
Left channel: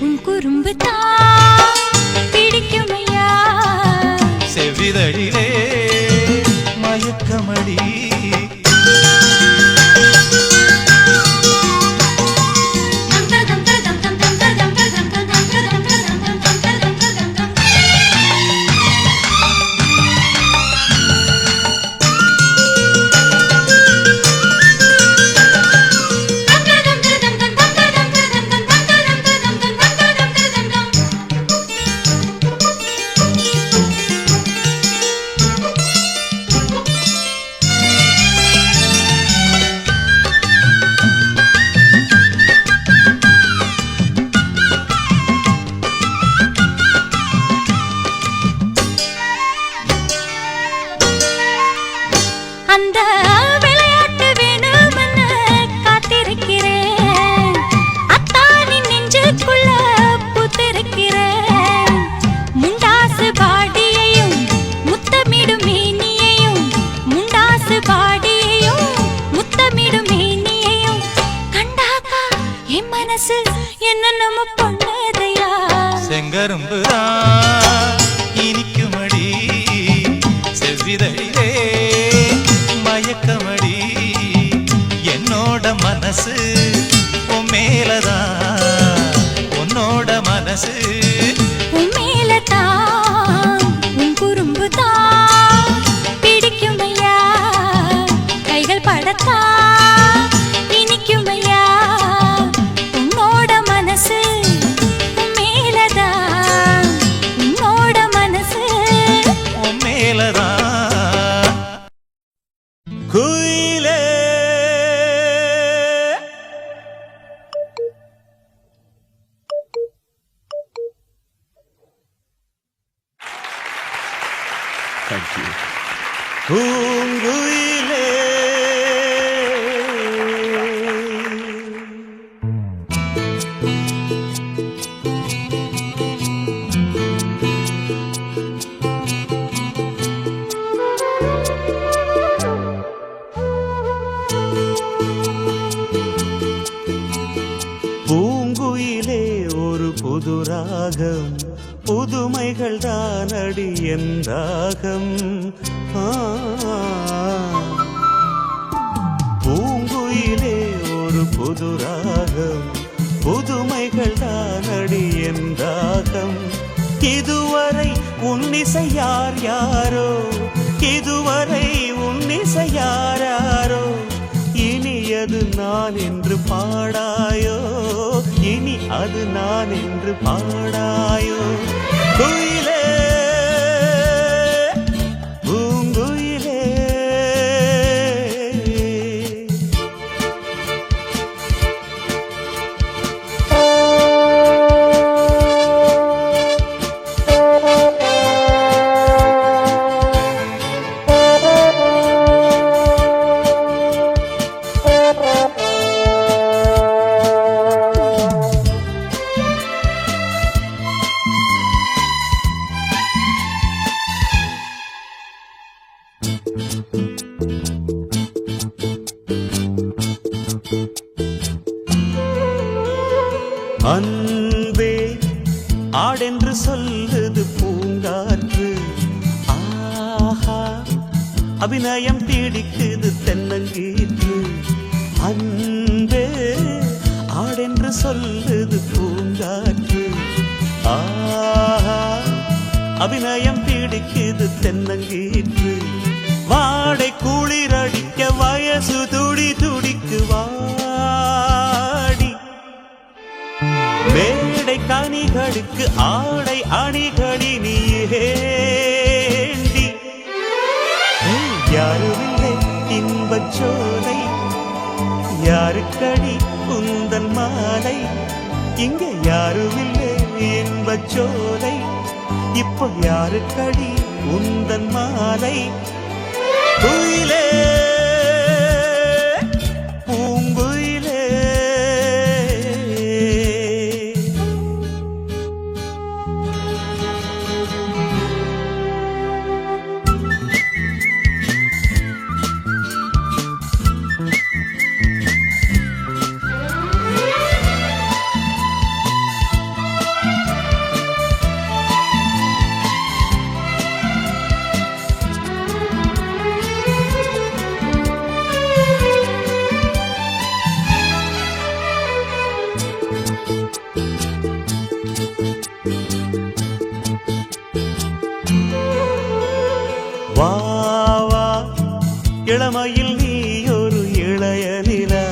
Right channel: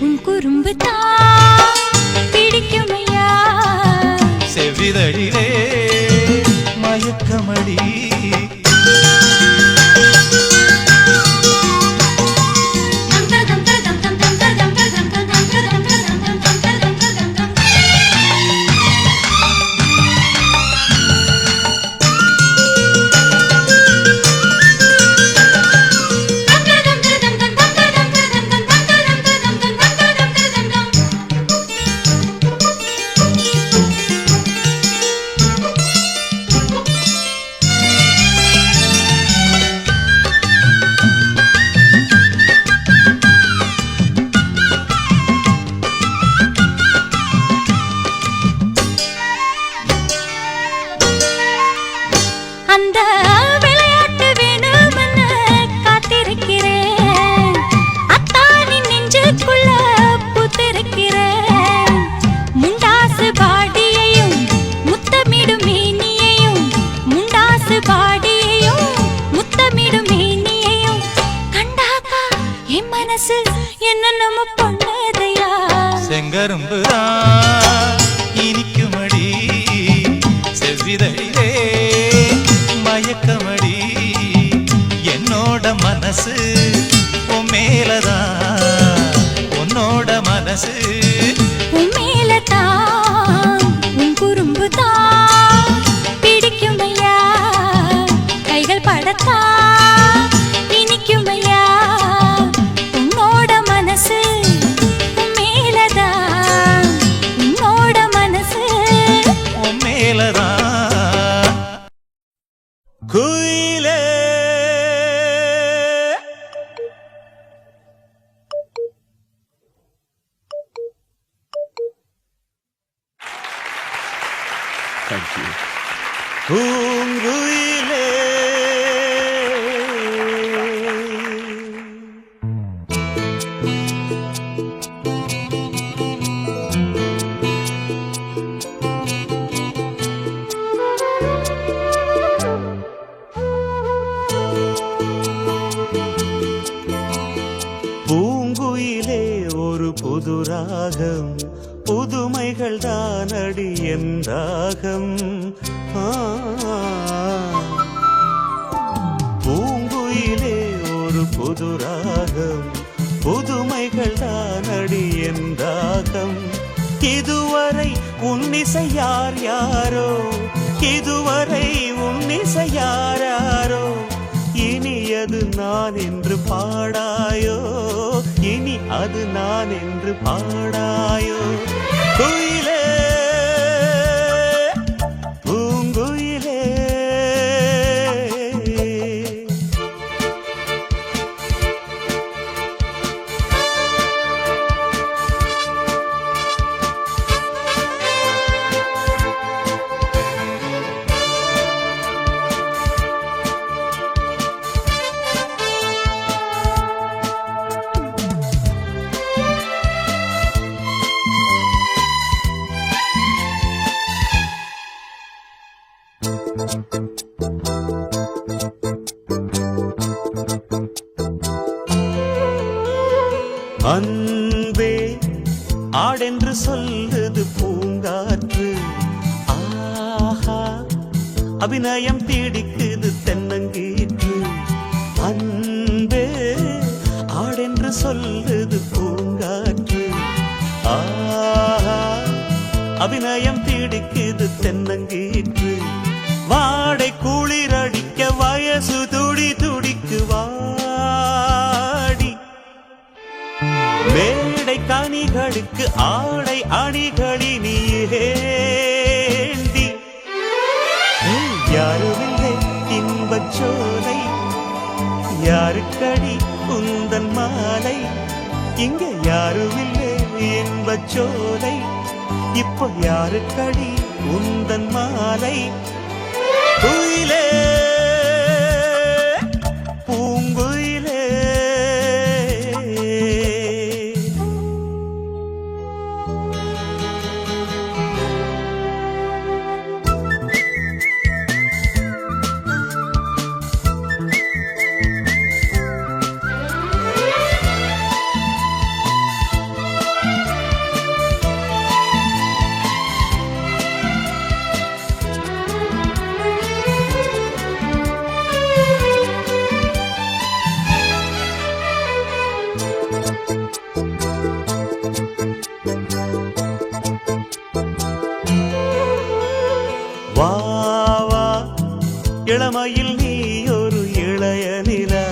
உன் குறும்பு தான் பிடிக்கும் ஐயா. செவ்விதழிலே மயக்கமடி அந்த விளையாட்டு வேணும்னு காத்திருக்கிறேன். அத்தானின் நெஞ்சுக்குள்ள பூத்திருக்கிறேன். முண்டாசு பாடியையும் முத்தமிடும் மேனியையும் முண்டாசு பாடியையும் முத்தமிடும் மேனியையும் கண்டாக்கா என் மனசு என்ன நம்ம பண்ணதையா. செங்கரும்புதான் இனிக்குமடி செவ்விதழிலே மயக்கமடி என்னோட மனசு உன் மேலதான் உன்னோட மனசு உன் மேலதான் உன் குறும்பு தான் பிடிக்கும் ஐயா. கைகள் படத்தான் இனிக்கும் ஐயா. உன்னோட மனசு உன் மேலதான் உன்னோட மனசு உன் மேலதான். குயிலே Thank you. பூங்குயிலே பூங்குயிலே ஒரு புது ராகம் புதுமைகள் தானடி என் ராகம் பூங்குயிலே ஒரு புது ராகம் புதுமைகள் தானடி என் ராகம் இதுவரை உன்னிசை யார் யாரோ இதுவரை உன்னிசை யார் யாரோ இனி அது நான் என்று பாடாயோ இனி அது நான் என்று பாடாயோ குயிலே பூங்குயிலே அன்பே ஆடென்று சொல்லுது பூங்காற்று ஆஹா அபிநயம் தீடிக்குது தென்னங்கீற்று அன்பே ஆடென்று சொல்லுது பூங்காற்று ஆஹா அபிநயம் தீடிக்குது தென்னங்கீற்று வாடை குளிரடிக்க வயசு துடி துடிக்கு வாடி மேடை கனிகளுக்கு ஆடை அணிகளி நீண்டி யாருமில்லை இன்பச் சோலை யாருக்கடி உந்தன் மாலை இங்க யாருமில்லை இன்பச் சோலை இப்போ யாருக்கடி உந்தன் மாலை குயிலே பூங்குயிலே வா வா இளமையில் நீ ஒரு இளைய நிலா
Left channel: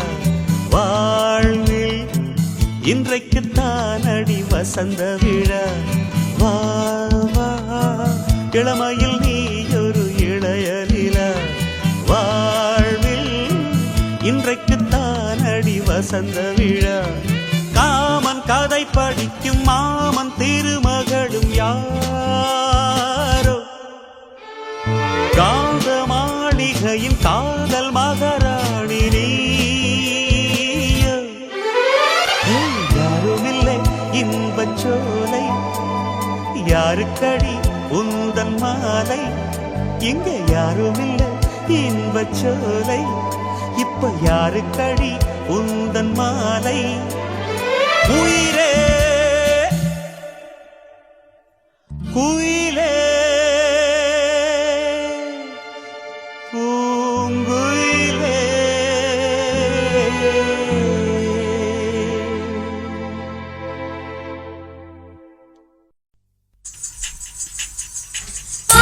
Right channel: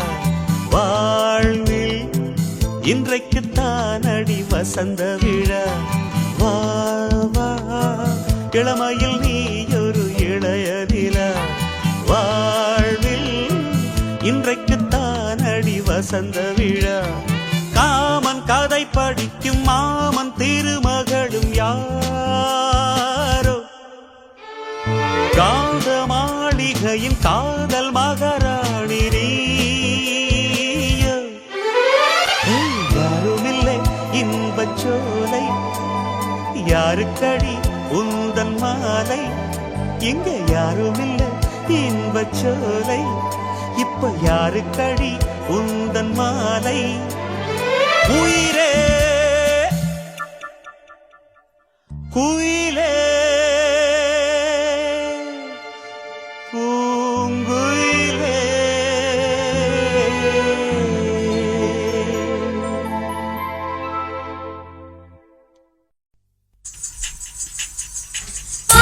வாழ்வில் இன்றைக்கு தானடி வசந்த விழா வா வா இளமையில் நீ ஒரு இளைய நிலா வாழ்வில் இன்றைக்கு தானடி வசந்த விழா காமன் கதை படிக்கும் மாமன் திருமகளும் யாரோ காந்த மாளிகையின் காதல் மகாராணி நீயோ யாருமில்லை இன்பச் சோலை யாருக்கடி உந்தன் மாலை இங்க யாருமில்லை இன்பச் சோலை இப்ப யாருக்கடி உந்தன் மாலை உயிரே குயிலே பூங்குயிலே ஆ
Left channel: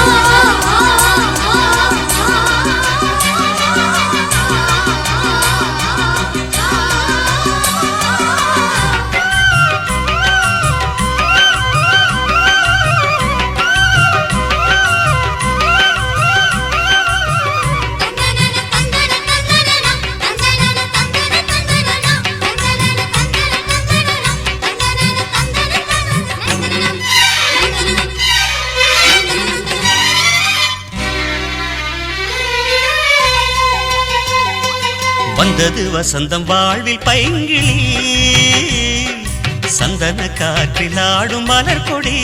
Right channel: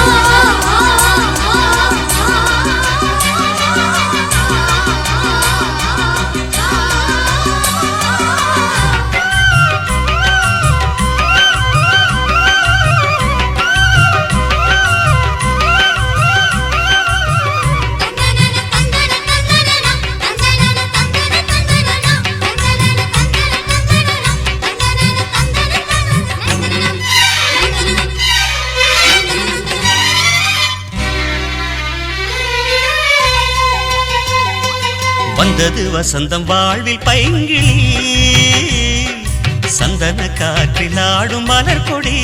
வந்தது வசந்தம் வாழ்வில் பைங்கிளி சந்தன காற்றில் ஆடும் மலர் கொடி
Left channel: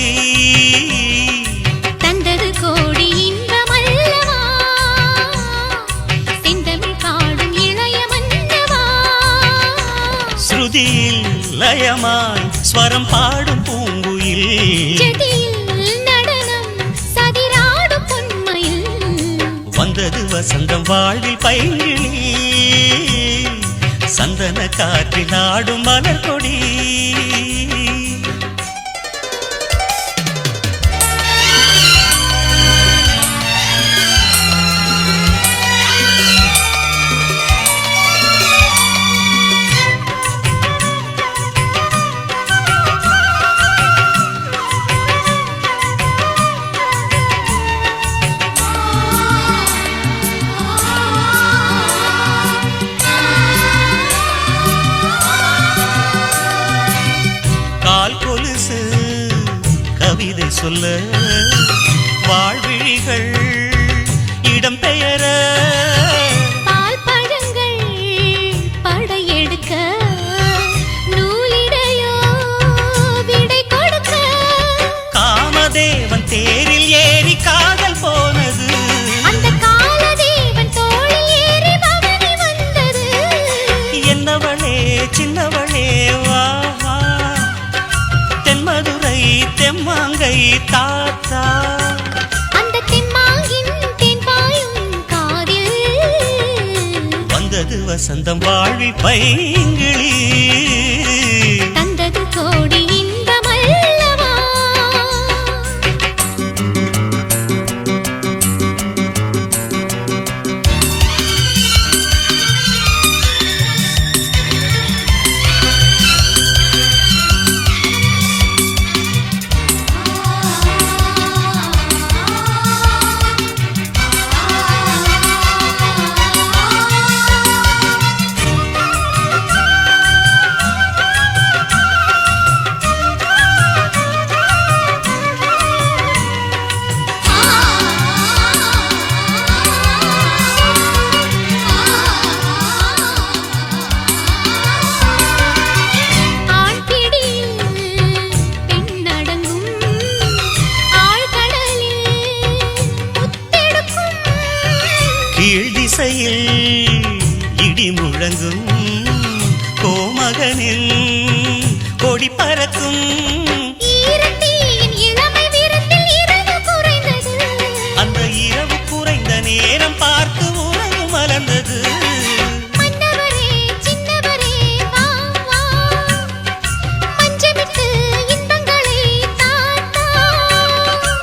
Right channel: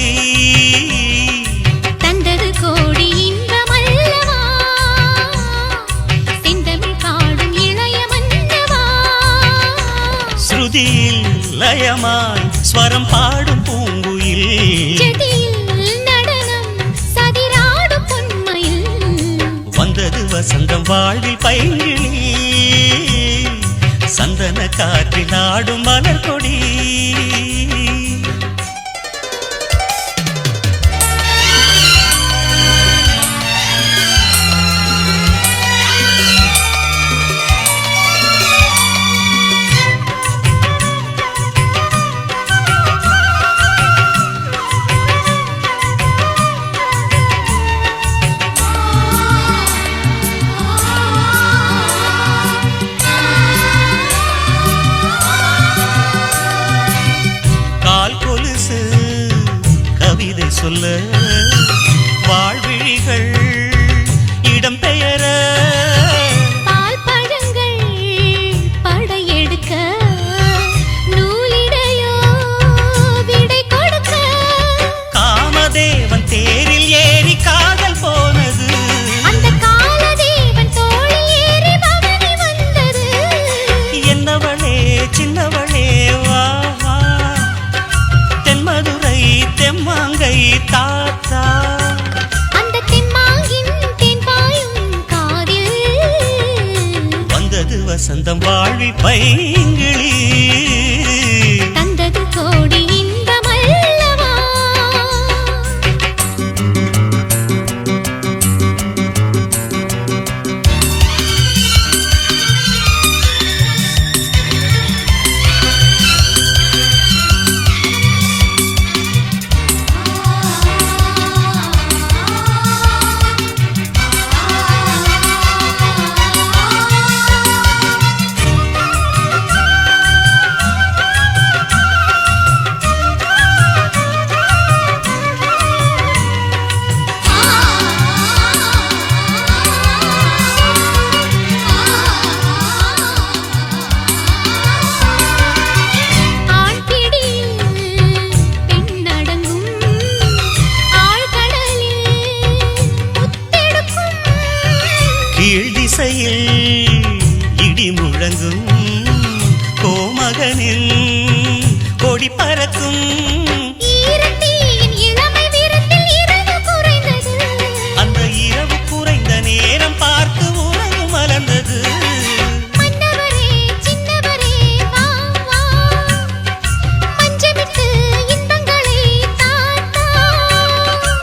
தந்தது கோடி இன்பமல்லவா செந்தமிழ் பாடும் இளைய மன்னவா ஸ்ருதியில் லயமாய் ஸ்வரம் பாடும் பூங்குயில் ஜதியில் நடனம் சதிராடும் பொன்மையில் வந்தது வசந்தம் வாழ்வில் பைங்கிளி சந்தன காற்றில் ஆடும் மலர் கொடி கவிதை சொல்ல வாழ்விழிகள் இடம்பெயர பால் பழங்கள் படையெடுக்க நூலிடையோ விடை கொடுக்க காமதேவன் தேரில் ஏறி காதல் போனது அந்த காலதேவன் தோளில் ஏறி பவனி வந்தது என்னவளே சின்னவளே வா தென்மதுரை தெம்மாங்கை தாத்தா அந்த தெம்மாங்கின் தென்பாயும் காதில் வந்தது வசந்தம் வாழ்வில் பைங்கிளி தந்தது கோடி இன்பமல்லவா கீழ் திசையில் இடி முழங்கும் கோமகனில் கொடி பறக்கும் ஈரத்தின் இளமை விருந்தில் இரவு குறைந்தது அந்த இரவு குறைந்த நேரம் பார்த்து உறவு மலர்ந்தது மன்னவரே சின்னவரே வா வா மஞ்சமிட்டு இன்பங்களை தாத்தா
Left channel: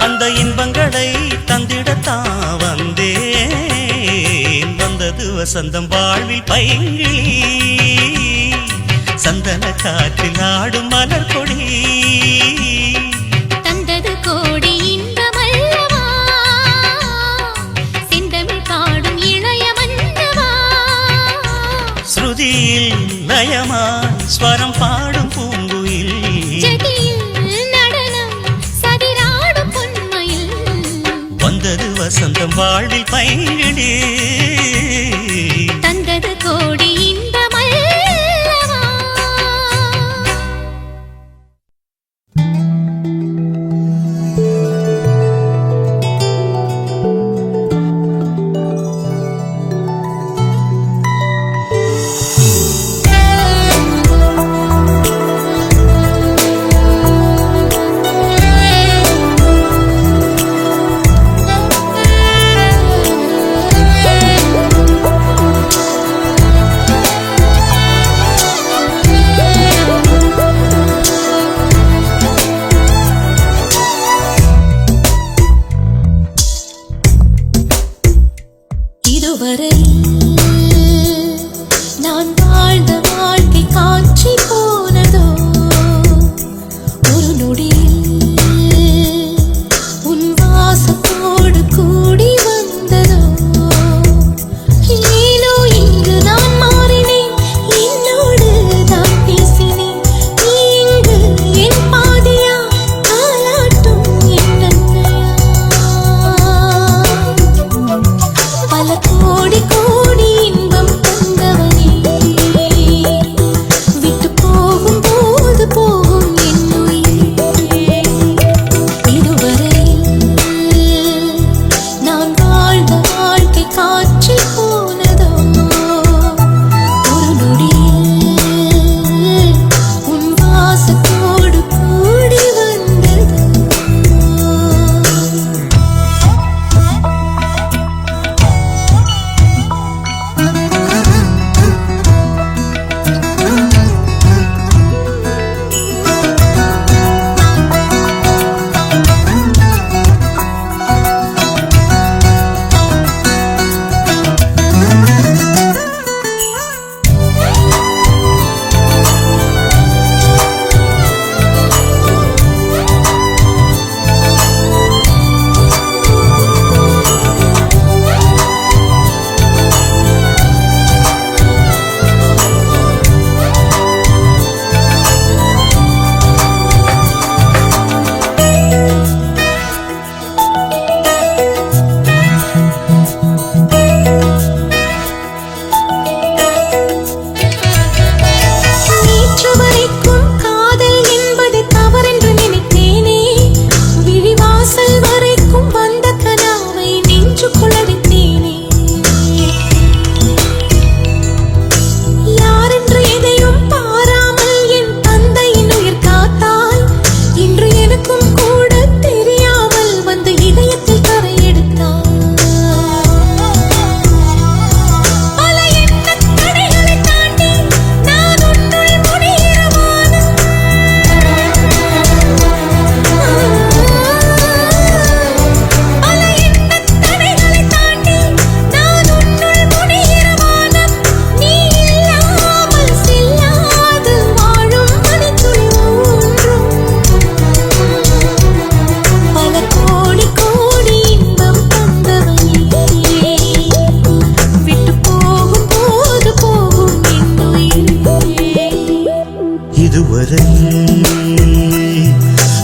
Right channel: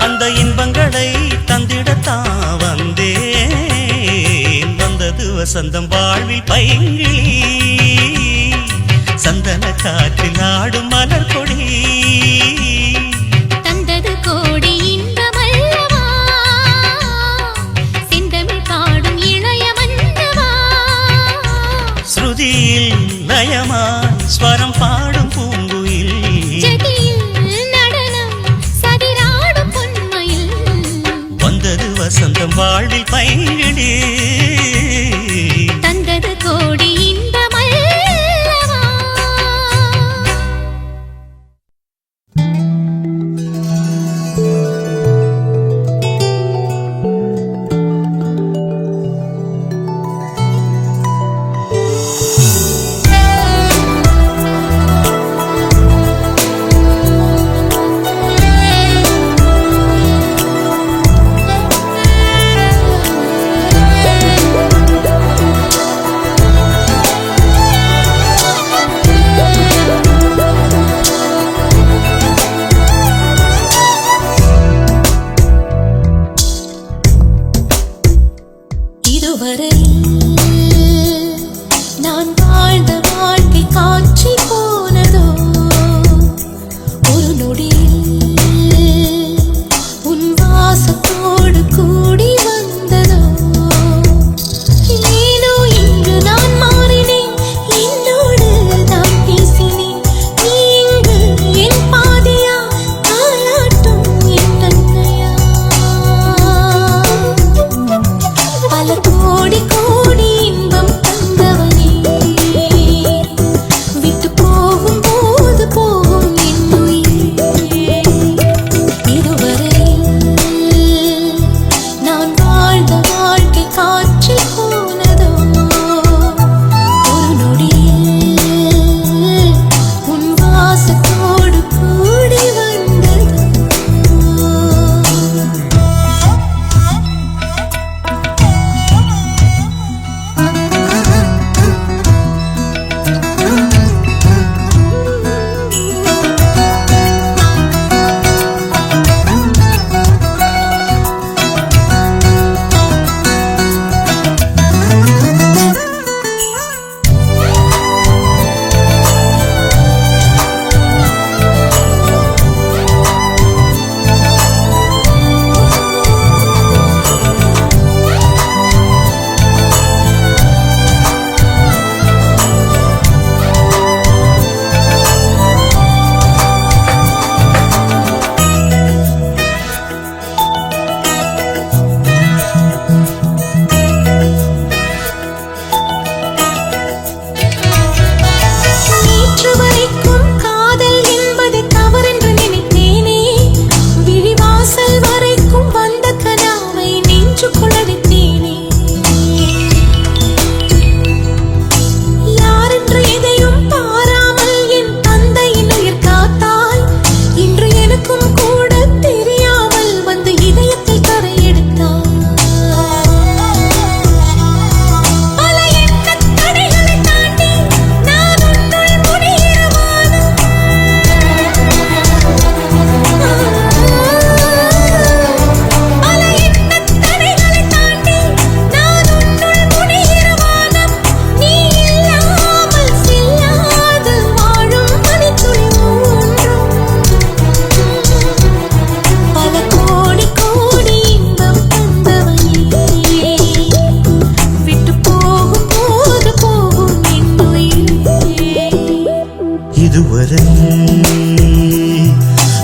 அந்த இன்பங்களை தந்திடத்தான் வந்தேன் வந்தது வசந்தம் வாழ்வில் பைங்கிளி சந்தன காற்றில் ஆடும் மலர் கொடி தந்தது கோடி இன்பமல்லவா செந்தமிழ் பாடும் இளைய மன்னவா ஸ்ருதியில் லயமாய் ஸ்வரம் பாடும் பூங்குயில் ஜதியில் நடனம் சதிராடும் பொன்மையில் வந்தது வசந்தம் வாழ்வில் பைங்கிளி தந்தது கோடி இன்பமல்லவா இதுவரை நான் வாழ்ந்த வாழ்க்கை காட்சி போனதோ ஒரு நொடியில் உன் வாசத்தோடு கூடி வந்ததோ ஏனோ இங்கு நான் மாறினேன் என்னோடு தான் பேசினேன் நீ இங்கு என் பாதியா தாலாட்டும் என் அன்னையா பல கோடி கோடி இன்பம் தந்தவனே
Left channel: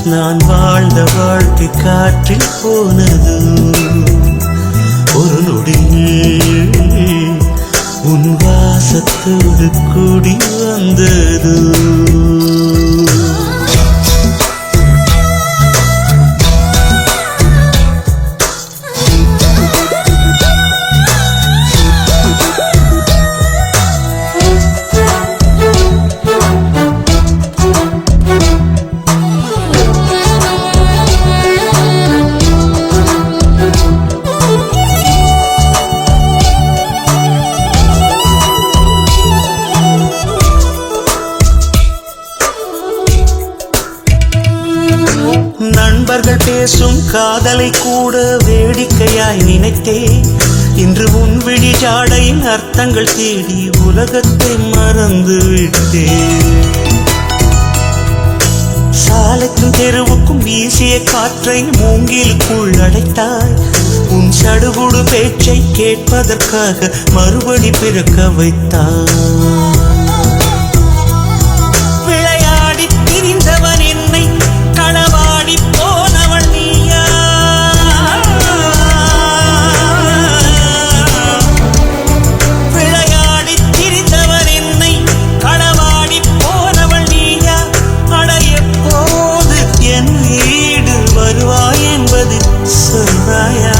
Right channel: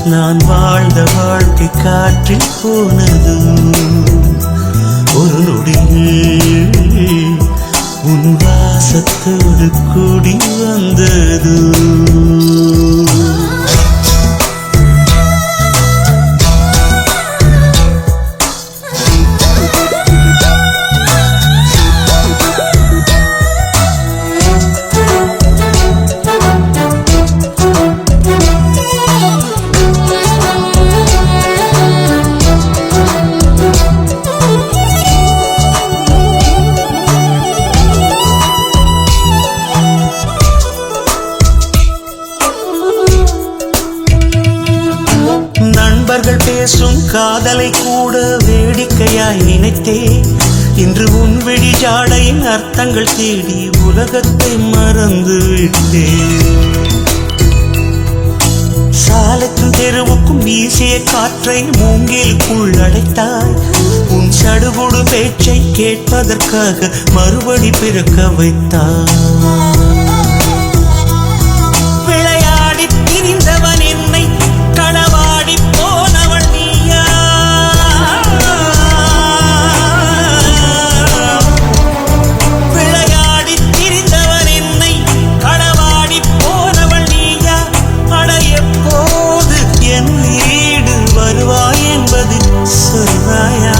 நான் வாழ்ந்த வாழ்க்கை காற்றில் போனது ஒரு நொடியில் உன் வாசத்தோடு கூடி வந்தது நண்பர்கள் பேசும் காதலை கூட வேடிக்கையாய் நினைத்தேன் இன்று உன் விழி ஜாடையின் அர்த்தங்கள் தேடி உலகத்தை மறந்து விட்டேன் சாலைக்கும் தெருவுக்கும் வீசிய காற்றை மூங்கிலுக்குள் அடைத்தாய் உன் சடுகுடு பேச்சை கேட்பதற்காக மறுபடி பிறக்க வைத்தாய் விளையாடி திரிந்தவன் என்னை களவாடி போனவள் நீயா விளையாடி திரிந்தவன் என்னை களவாடி போனவள் நீயா அடைய போது என் வீடு வருவாய் என்பது சொல்வாயா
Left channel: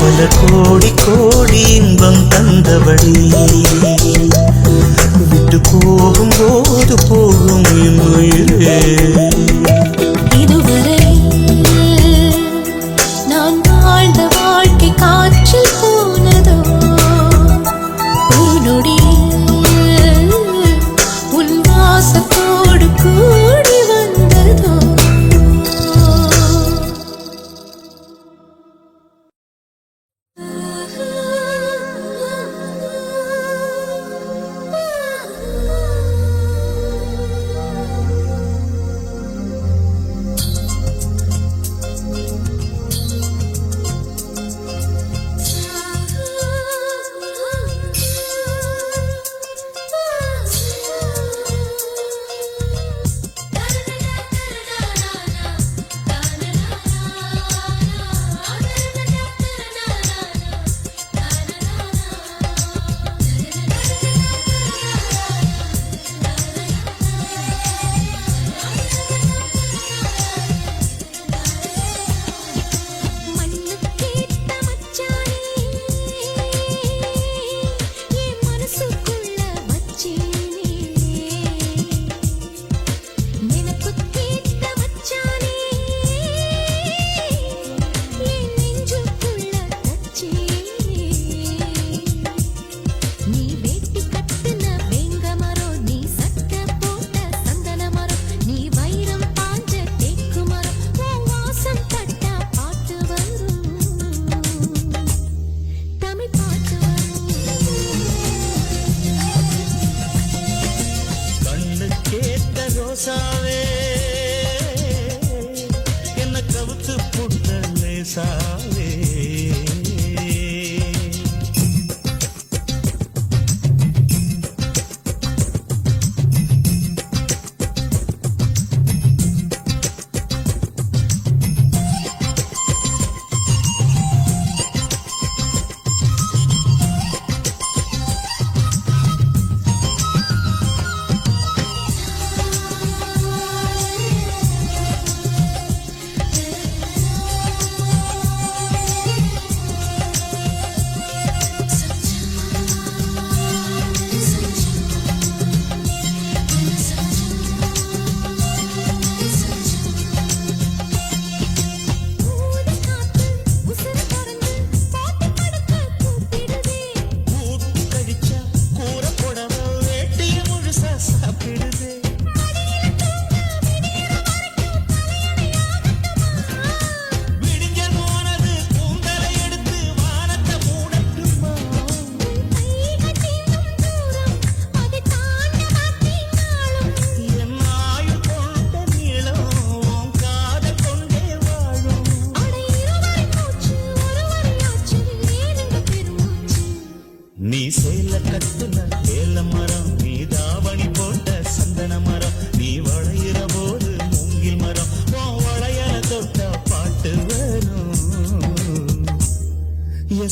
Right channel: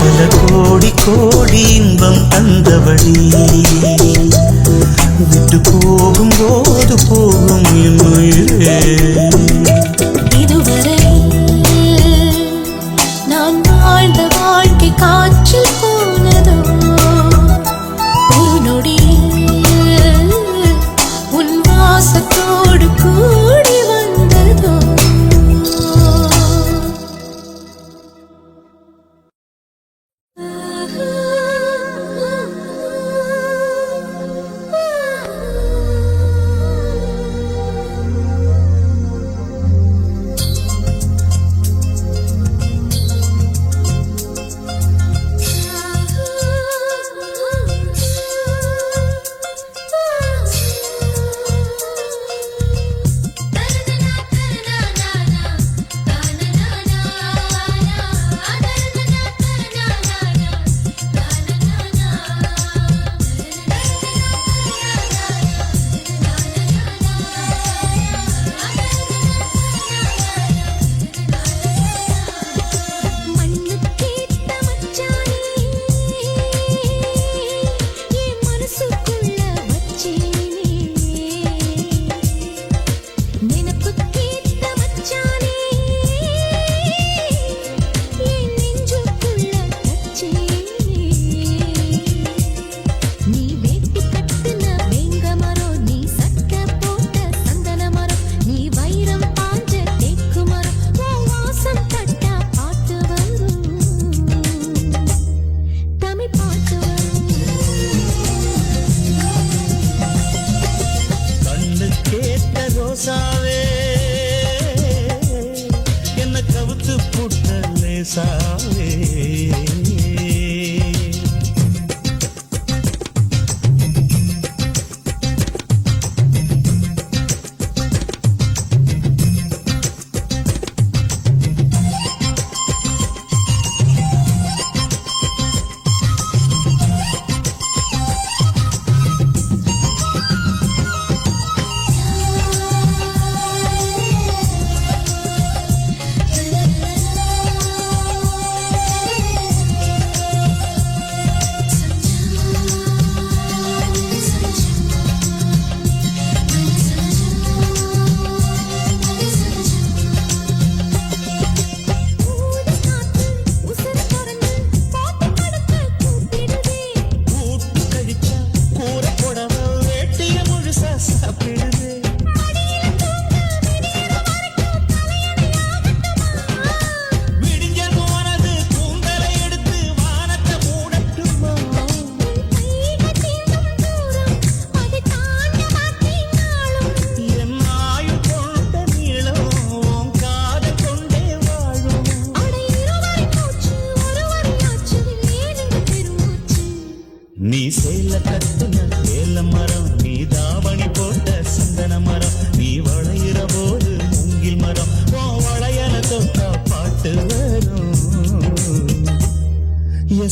பல கோடி கோடி இன்பம் தந்தவளே விட்டு போகும்போது போகும் என் உயிரே இதுவரை நான் வாழ்ந்த வாழ்க்கை காற்றில் போனதோ ஒரு நொடியில் உன் வாசத்தோடு கூடி வந்ததோ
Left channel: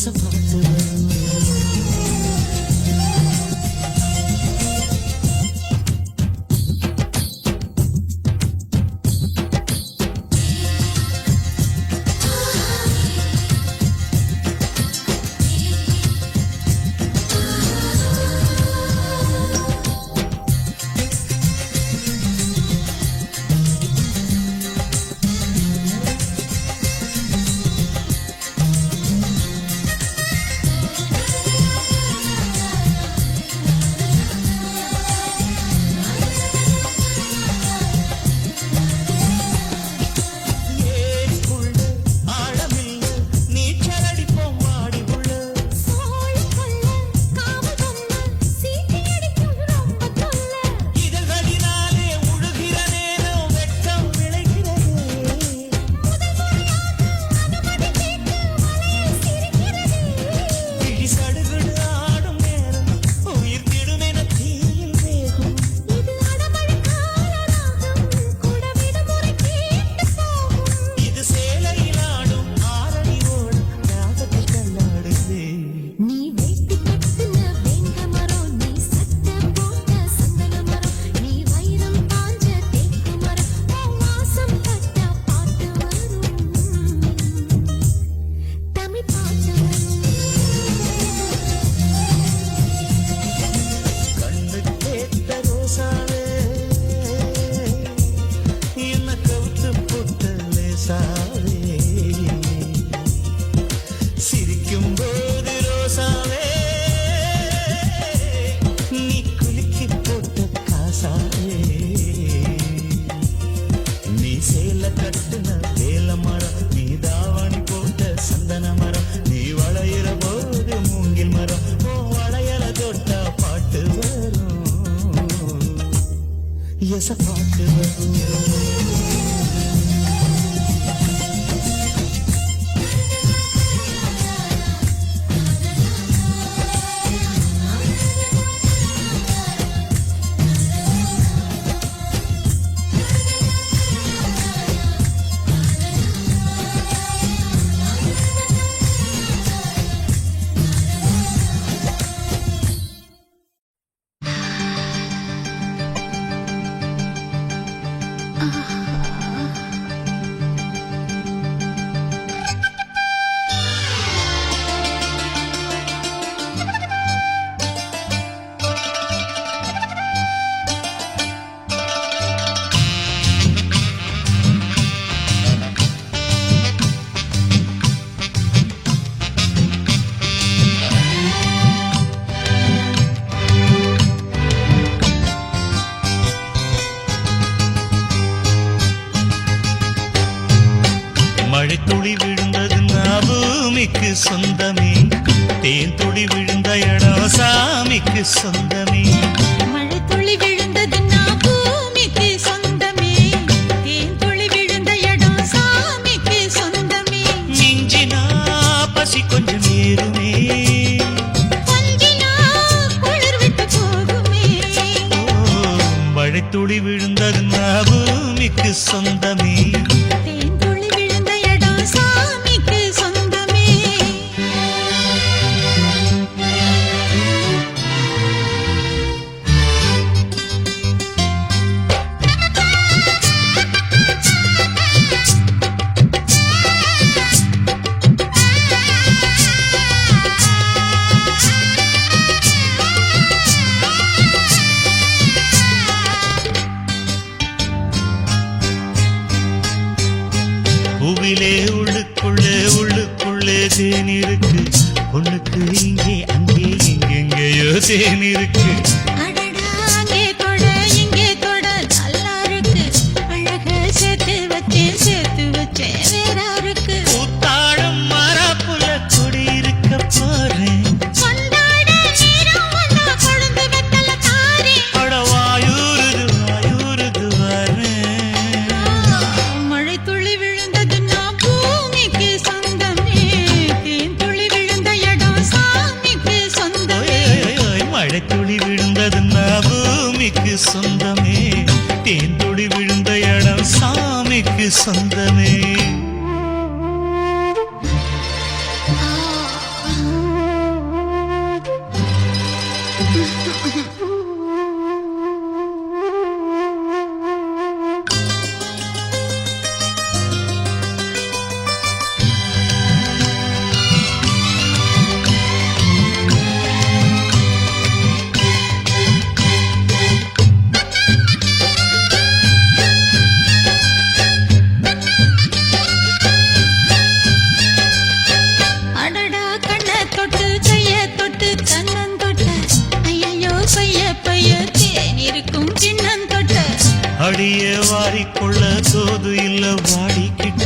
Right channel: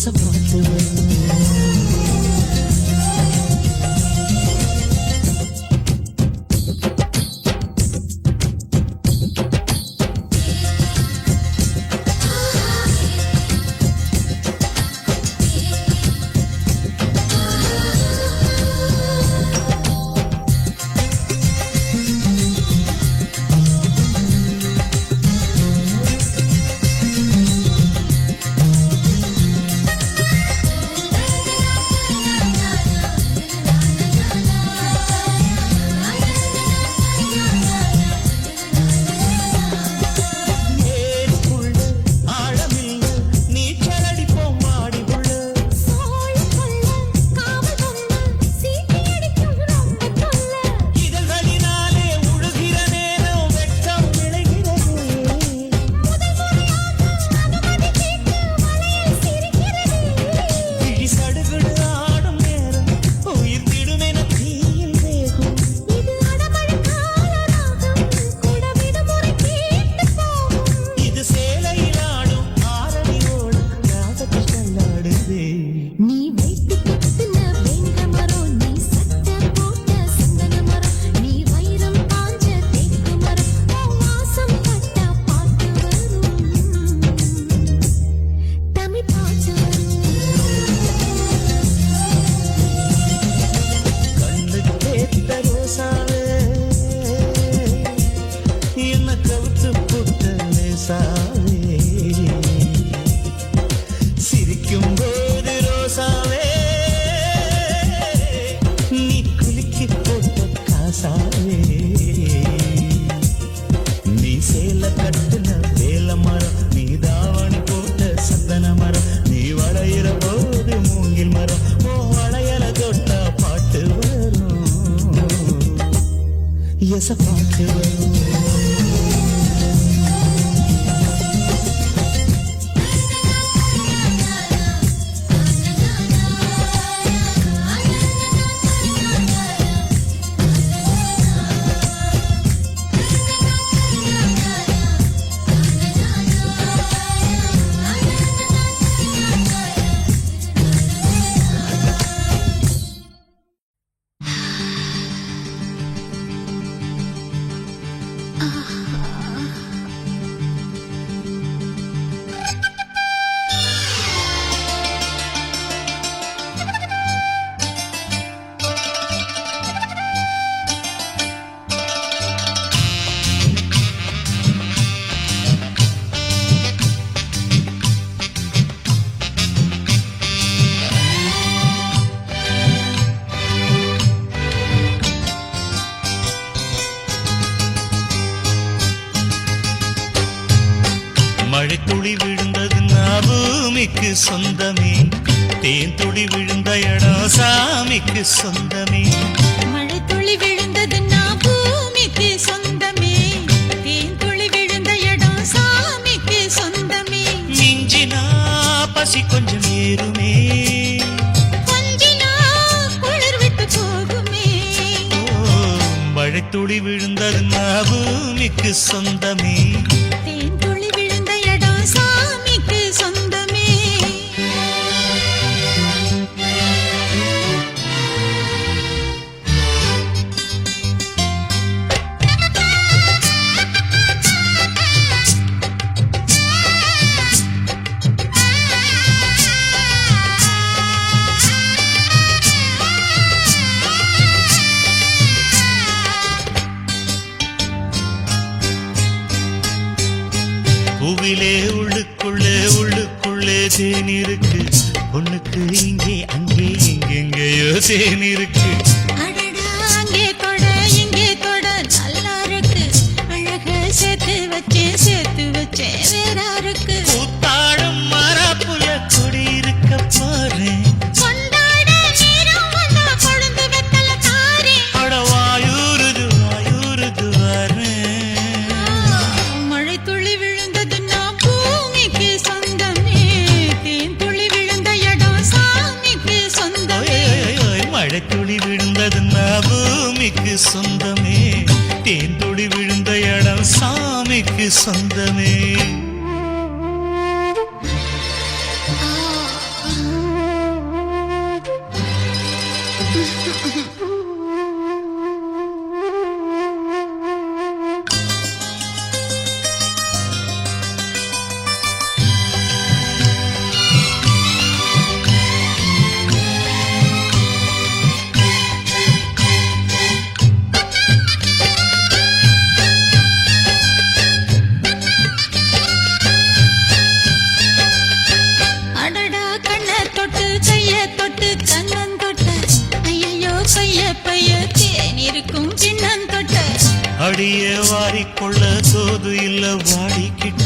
எசப்பாட்டு வரும் சிரிக்கும் போது ரோசாவே நீ குலுக்கி போட்ட காசாவே நீ சேல கட்டுன வேல மரம் நீ தாவணி போட்ட சந்தன மரம் நீ வளையிற போது மூங்கில் மரம் ஓ வளையல தொட்டா பாட்டு வரும் எச பாட்டு வரும் மழைத்துளி விழுந்தது பூமிக்கு சொந்தமே தேன் துளி விழுந்த இடம் சாமிக்கு சொந்தமே மழை துளி விழுந்தது பூமிக்கு சொந்தமே தேன் துளி விழுந்த இடம் சாமிக்கு சொந்தமே மிஞ்சினா பசி கொஞ்சம் ஏறுமே கொஞ்சினா குளிர் விட்டு போகுமே மழைத்துளி விழுந்தது பூமிக்கு சொந்தமே தேன் துளி விழுந்த இடம் சாமிக்கு சொந்தமே பூவிலே உள்ளுக்குள்ளே தேன் இருக்கு பொண்ணுக்கு இங்கே அங்கே எங்கெங்கேயோ தேன் இருக்கு அடடா அங்கே கொட இங்கே கொட நல்லா இருக்கு அழக சேர்த்து வச்சே வேறா இருக்கு பூத்தாடும் மரப்புல குடி இருக்க பாரு கொண்டாட நேரம் வந்தா கொழுந்து வெத்தல தாரே அட வாயூருது வாரு மழை துளி விழுந்தது பூமிக்கு சொந்தமே தேன் துளி விழுந்த இடம் சாமிக்கு சொந்தமே மழைத்துளி விழுந்தது பூமிக்கு சொந்தமே தேன் துளி விழுந்த இடம் சாமிக்கு சொந்தமே புள்ள சோது இல்ல வாடிக்கிட்ட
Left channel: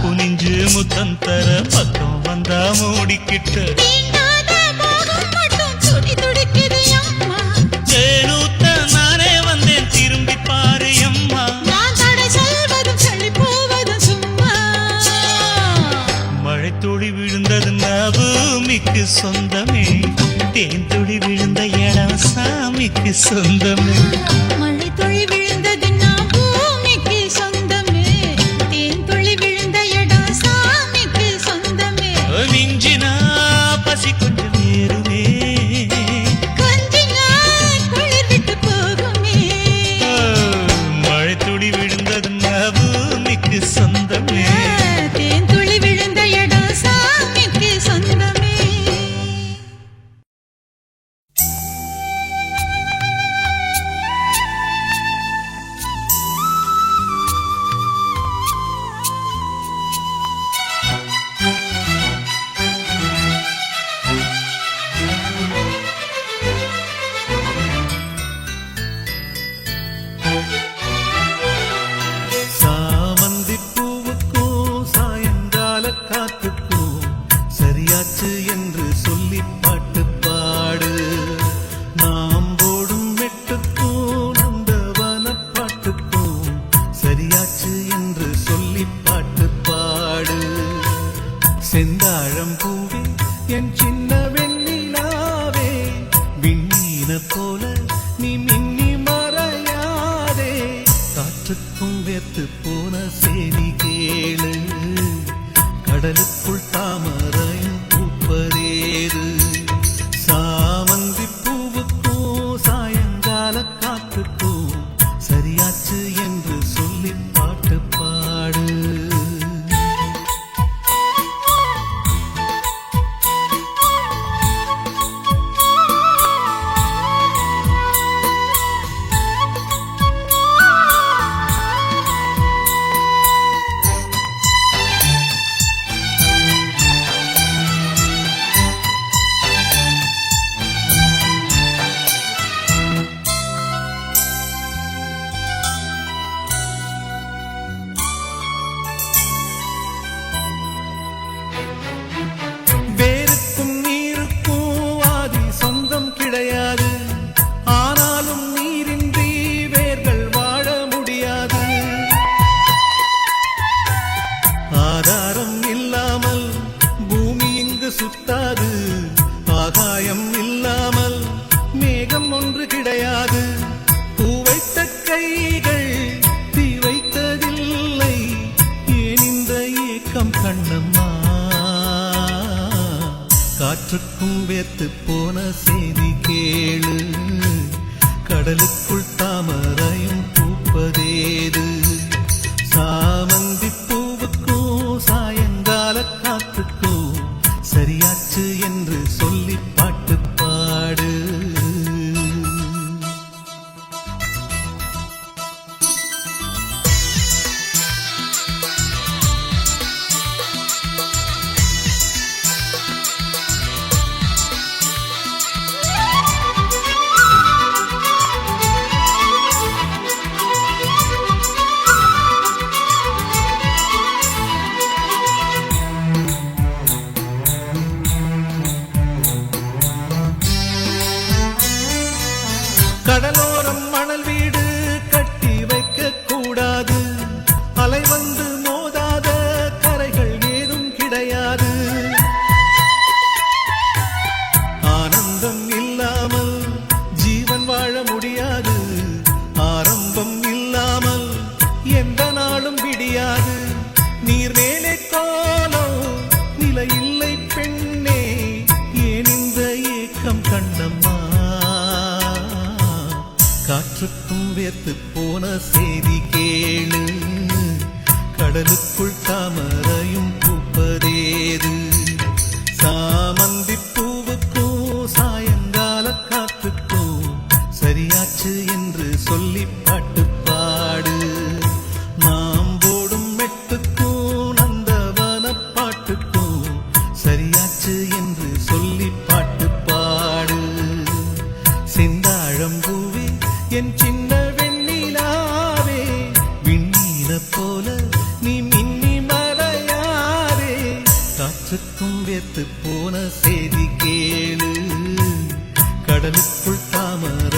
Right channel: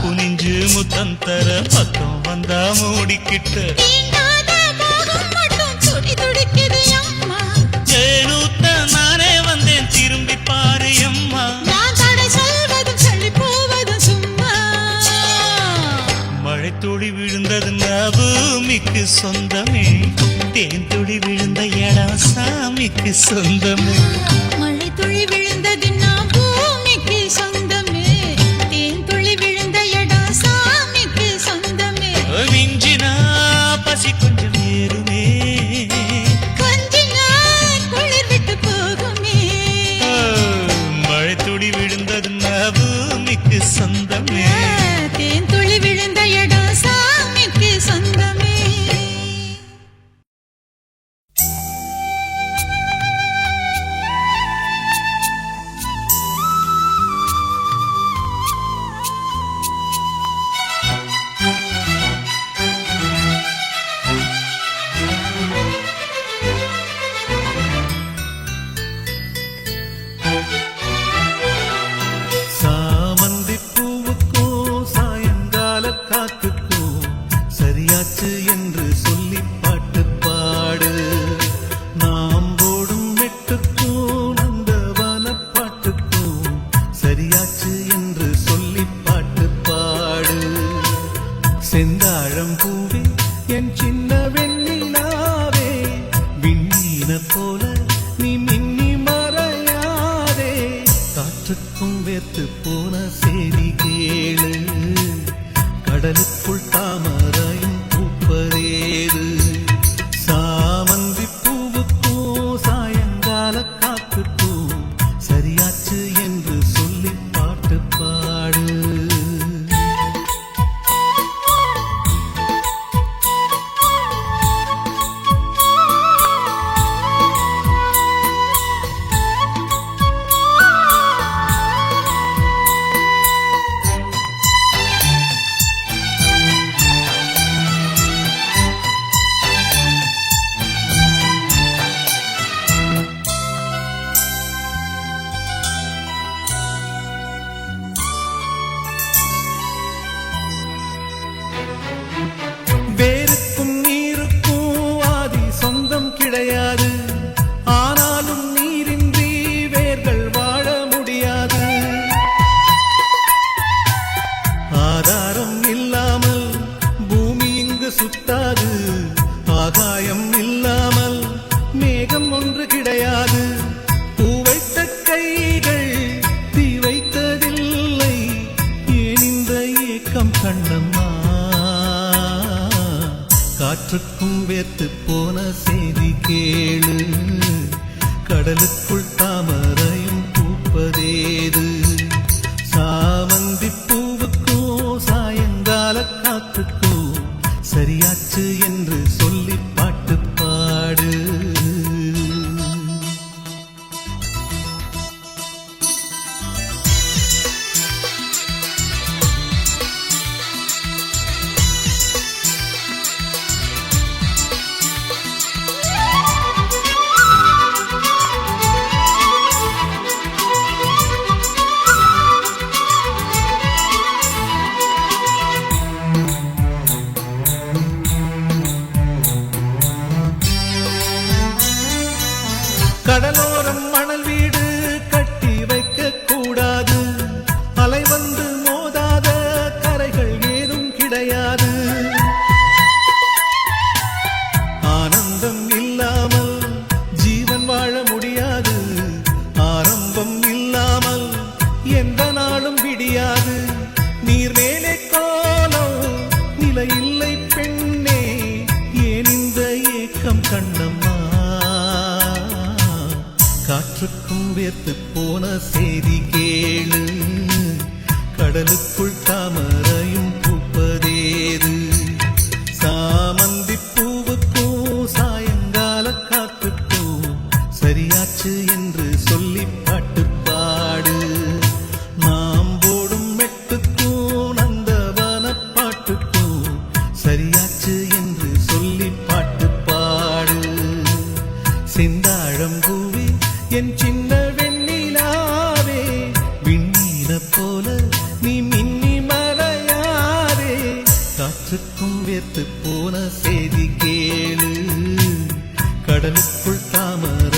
குனிஞ்சு முத்தம் தர பக்கம் வந்தா மூடிக்கிட்ட தீண்டாத மோகம் மட்டும் துடி துடிக்குது அம்மா. வேலூத்த நானே வந்தேன் திரும்பி பாரு அம்மா நான் தடை செய்வதும் சொல்லி போவதும் சும்மா. மழை துளி விழுந்தது பூமிக்கு சொந்தமே தேன் துளி விழுந்த இடம் சாமிக்கு சொந்தமே மழை துளி விழுந்தது நான் பூமிக்கு சொந்தமே. தேன் துளி விழுந்த இடம் சாமிக்கு சொந்தமே. மிஞ்சினா பசி கொஞ்சம் ஏறுமே கொஞ்ச நாள் குளிர் விட்டு போகுமே. மழை துளி விழுந்தது பூமிக்கு சொந்தமே தேன் துளி விழுந்த இடம் சாமிக்கு சொந்தமே. சாமந்தி பூவுக்கும் சாயங்கால காத்துக்கும் சரியாச்சு என்று சொல்லி பாட்டு பாடு நாம் போடும் மெட்டுக்கும் நந்தவன பாட்டுக்கும் சரியாச்சு என்று சொல்லி பாட்டு பாடு செந்தாழம் பூவே என் சின்ன வெண்ணிலாவே விண்ணீன போல நீ மின்னி மறையாதே காற்றுக்கும் வேத்து போன செய்தி கேளு கடலுக்குள் தாமரையும் பூப்பதேது சாமந்தி பூவுக்கும் சாயங்கால காத்துக்கும் சரியாச்சு என்று சொல்லி பாட்டு பாடு வேருக்கும் நீருக்கும் ஆதி சொந்தம் கிடையாது ஆனாலும் நீரின்றி வேர்கள் வாழ முடியாது ஆதாரம் இல்லாமல் பூமி இங்கு சுத்தாது ஆகாயம் இல்லாமல் மேகம் ஒன்று கிடையாது பூ வைத்த கைகள் தீ வைத்ததில்லை ஏன் இந்த ஏக்கம் கண்ணம்மா காற்றுக்கும் வேத்து போன செய்தி கேளு கடலுக்குள் தாமரையும் பூப்பதேது சாமந்தி பூவுக்கும் சாயங்கால காத்துக்கும் சரியாச்சு என்று சொல்லி பாட்டு பாடு கடலோரம் மணல் வீடு கட்டி வைக்க கூடாது அலை வந்து மோதாத கரைகள் ஏதும் கிடையாது ஆனந்தம் இல்லாமல் ஜீவன் வாழ முடியாது ஆரம்பம் இல்லாமல் எந்த நாளும் விடியாது நீர் மேலே கோலம் நிலையில்லை பெண்ணே ஏன் இந்த ஏக்கம் கண்ணம்மா காற்றுக்கும் வேத்து போன செய்தி கேளு கடலுக்குள் தாமரையும் பூப்பதேது சாமந்தி பூவுக்கும் சாயங்கால காத்துக்கும் சரியாச்சு என்று சொல்லி பாட்டு பாடு நாம் போடும் மெட்டுக்கும் நந்தவன பாட்டுக்கும் சரியாச்சு என்று சொல்லி பாட்டு பாடு செந்தாழம்பூவே என் சின்ன வெண்ணிலாவே விண்ணீன என்ன போல நீ மின்னி மறையாரே காற்றுக்கும் வேத்து போன செய்தி கேளு கடலுக்குள் தாமரை